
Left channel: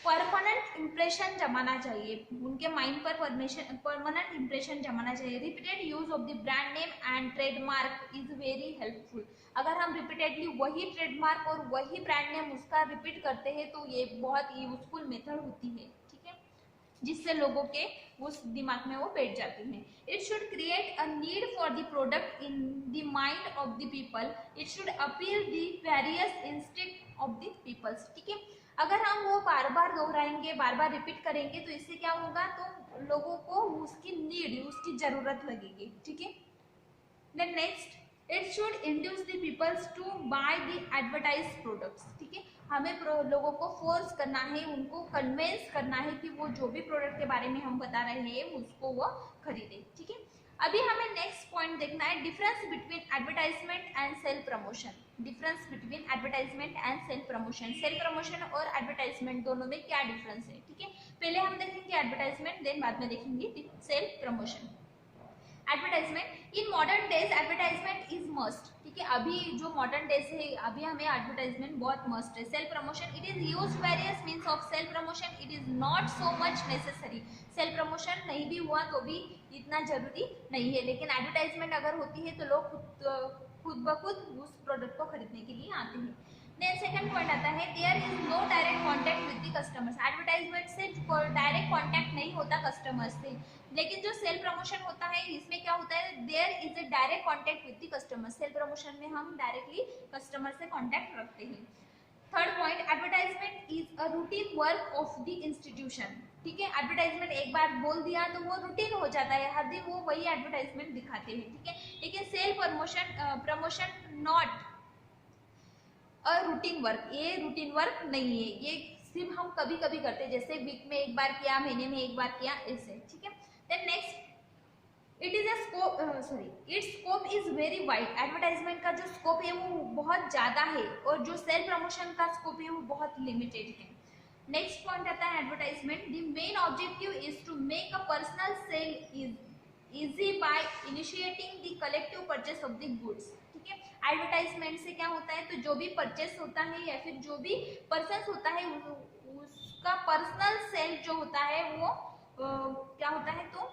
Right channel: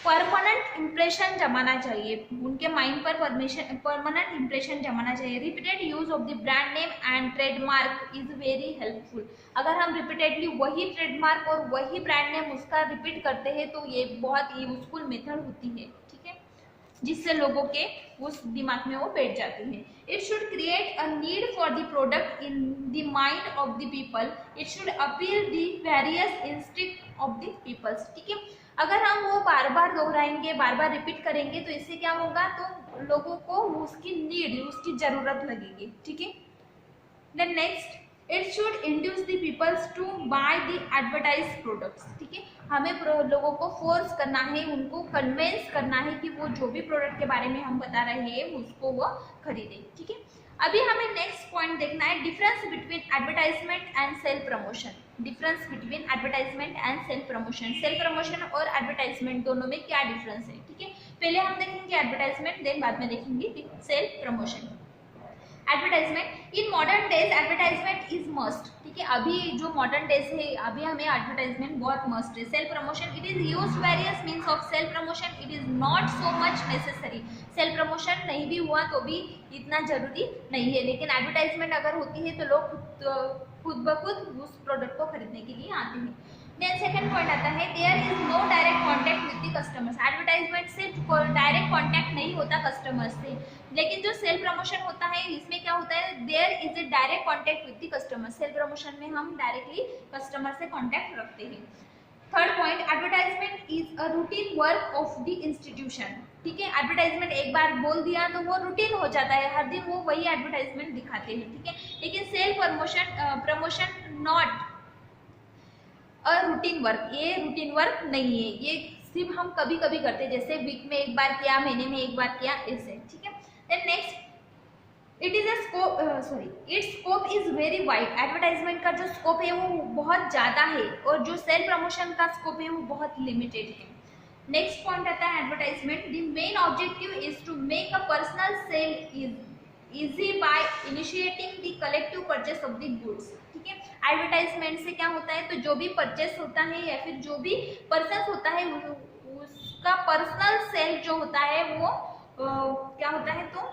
परमानेंट इम्प्रेशन जमाना चाहिए, उनके माइंड पर परमानेंट इम्प्रेशन जमाना चाहिए। Repeated use of the brand name and trademark is very helpful. अगर हम रिपीटेडली वही ट्रेडमार्क और वही ब्रांड नेम उसका रिपीट करते हैं तो ये बहुत यूजफुल मेथड होती है। ठीक है, जिससे लोगों के उस दिमाग में वो बैठ जाते हैं। It should create a need for the product in the mind of the people. It should appeal the various instinct of the peoples. ठीक है, अगर हम वो बार बार दोहराएंगे, बार बार रिपीट करेंगे तो इससे क्या होगा, तो लोगों को उसकी नीड, उसकी जरूरत लगेगी। ठीक है, then next it should induce the peoples to buy the advertise products. ठीक है, हमें लोगों को फोर्स करना है, उनको कन्विंस करना है कि वो जो भी प्रोडक्ट के बारे में हम बता रहे हैं उसको वो खरीदें। ठीक है, अभी हमें नेक्स्ट पॉइंट देखना है, difference between advertisement and self promotion. Difference between advertisement and self promotion, self promotion और एडवर्टाइजमेंट दोनों में क्या डिफरेंस है, ठीक है। पहले हम देखेंगे एडवर्टाइजमेंट, देन बाद में देखेंगे self promotion. Advertisement in modern days advertisement is must, ठीक है। अभी जो मॉडर्न डेज है अभी हमें एडवर्टाइजमेंट बहुत मस्ट है। Self promotion it is used various means of self promotion, it is not so much necessary. Self promotion नहीं भी हुआ तो भी इतना जरूरी नहीं है, लेकिन एडवर्टाइजमेंट अगर होती है तो लोग खुद ब खुद उस प्रोडक्ट को खरीदने के लिए आते हैं। देन सेकंड पॉइंट आता है, there is no direct contact with the customers. Advertisement से डायरेक्ट कॉन्टैक्ट नहीं होता कस्टमर्स से, लेकिन जो सेल्फ प्रमोशन होता है इसमें क्या होता है, there is a direct contact with the customer. Self promotion में हम डायरेक्टली कस्टमर से कॉन्टैक्ट रखते हैं। Third point, advertisement is a routine work of the institution, ठीक है। एडवर्टाइजमेंट एक बार बोल दिया तो वो रूटीन हो जाता है, हर दिन वो वही एडवर्टाइजमेंट दिखाते हैं, ठीक है। लेकिन self promotion not a routine work, ये रूटीन वर्क नहीं है, ये सिर्फ हम कभी कभी करते हैं, जैसे वीक में एक बार किया, महीने में एक बार किया, ऐसे, ठीक है। Then next, it is a scope its scope is very wide. Advertisement का जो स्कोप है वो बहुत ज़्यादा है और जो सेल्फ प्रमोशन का स्कोप है वो बहुत लिमिटेड है। नेक्स्ट पॉइंट आता है advertisement, the main objective is to make a personal sale easy by initiating the collective purchase of the goods, ठीक है। एडवर्टाइजमेंट से क्या होता है, तो जो भी परचेस होता है या फिर जो भी पर्सन होता है उसका पर्सनल सेल जो होता है वो क्या होता है, तो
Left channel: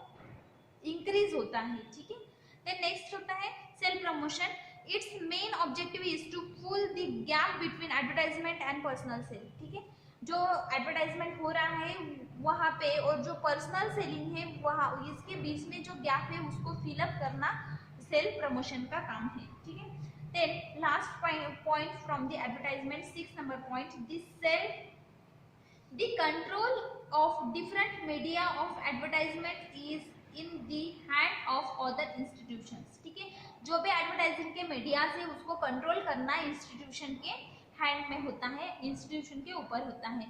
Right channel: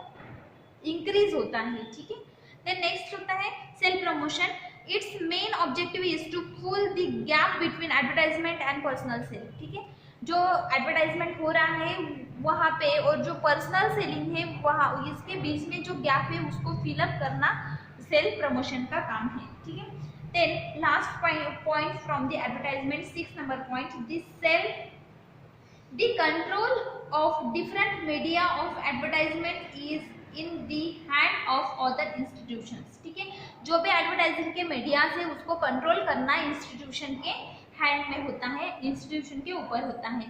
इंक्रीज होता है, ठीक है। देन नेक्स्ट होता है self promotion, its main objective is to fill the gap between advertisement and personal sale, ठीक है। जो एडवर्टाइजमेंट हो रहा है वहाँ पे और जो पर्सनल सेलिंग है वहाँ, इसके बीच में जो गैप है उसको फिलअप करना सेल्फ प्रमोशन का काम है, ठीक है। Then last point from the advertisement, 6 नंबर point, the control of different media of advertisement is in the hand of other institutions, ठीक है। जो भी एडवर्टाइजमेंट के मीडिया है उसको कंट्रोल करना इंस्टीट्यूशन के हैंड में होता है, इंस्टीट्यूशन के ऊपर होता है।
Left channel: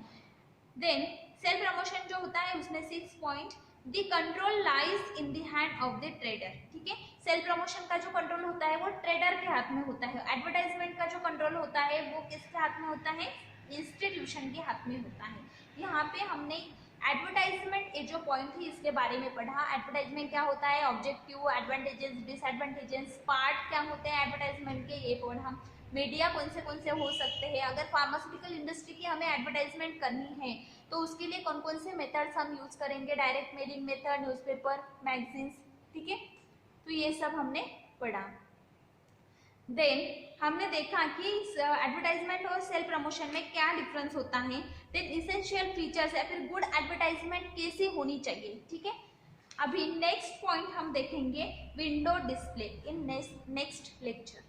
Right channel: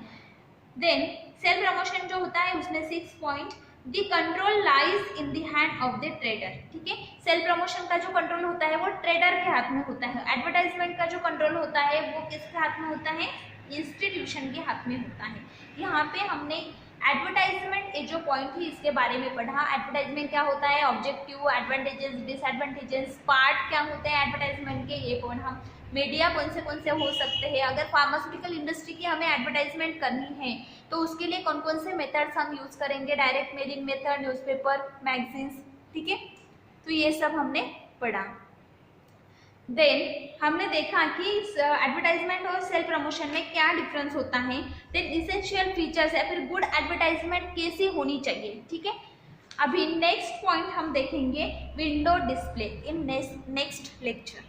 देन सेल्फ प्रमोशन जो होता है उसमें 6 point, the control lies in the hand of the trader, ठीक है। सेल्फ प्रमोशन का जो कंट्रोल होता है वो ट्रेडर के हाथ में होता है। एडवर्टाइजमेंट का जो कंट्रोल होता है वो किसके हाथ में होता है, इंस्टीट्यूशन के हाथ में होता है। यहाँ पे हमने एडवर्टाइजमेंट ये जो पॉइंट है इसके बारे में पढ़ा। एडवर्टाइजमेंट क्या होता है, ऑब्जेक्टिव, एडवांटेजेस, डिसएडवांटेजेस, पार्ट क्या होते हैं एडवर्टाइजमेंट के, ये पॉइंट हम, मीडिया कौन से हो सकते हैं, अगर फार्मास्यूटिकल इंडस्ट्री की हमें एडवर्टाइजमेंट करनी है तो उसके लिए कौन कौन से मेथड्स हम यूज़ करेंगे, direct mailing method, newspaper, magazines, ठीक है। तो ये सब हमने पढ़ा। देन हमने देखा कि एडवर्टाइजमेंट और सेल्फ प्रमोशन में क्या डिफरेंस होता है। देन इसेंशियल फीचर्स या फिर गुड एडवर्टाइजमेंट कैसी होनी चाहिए, ठीक है। अभी नेक्स्ट पॉइंट हम देखेंगे window display in next lecture.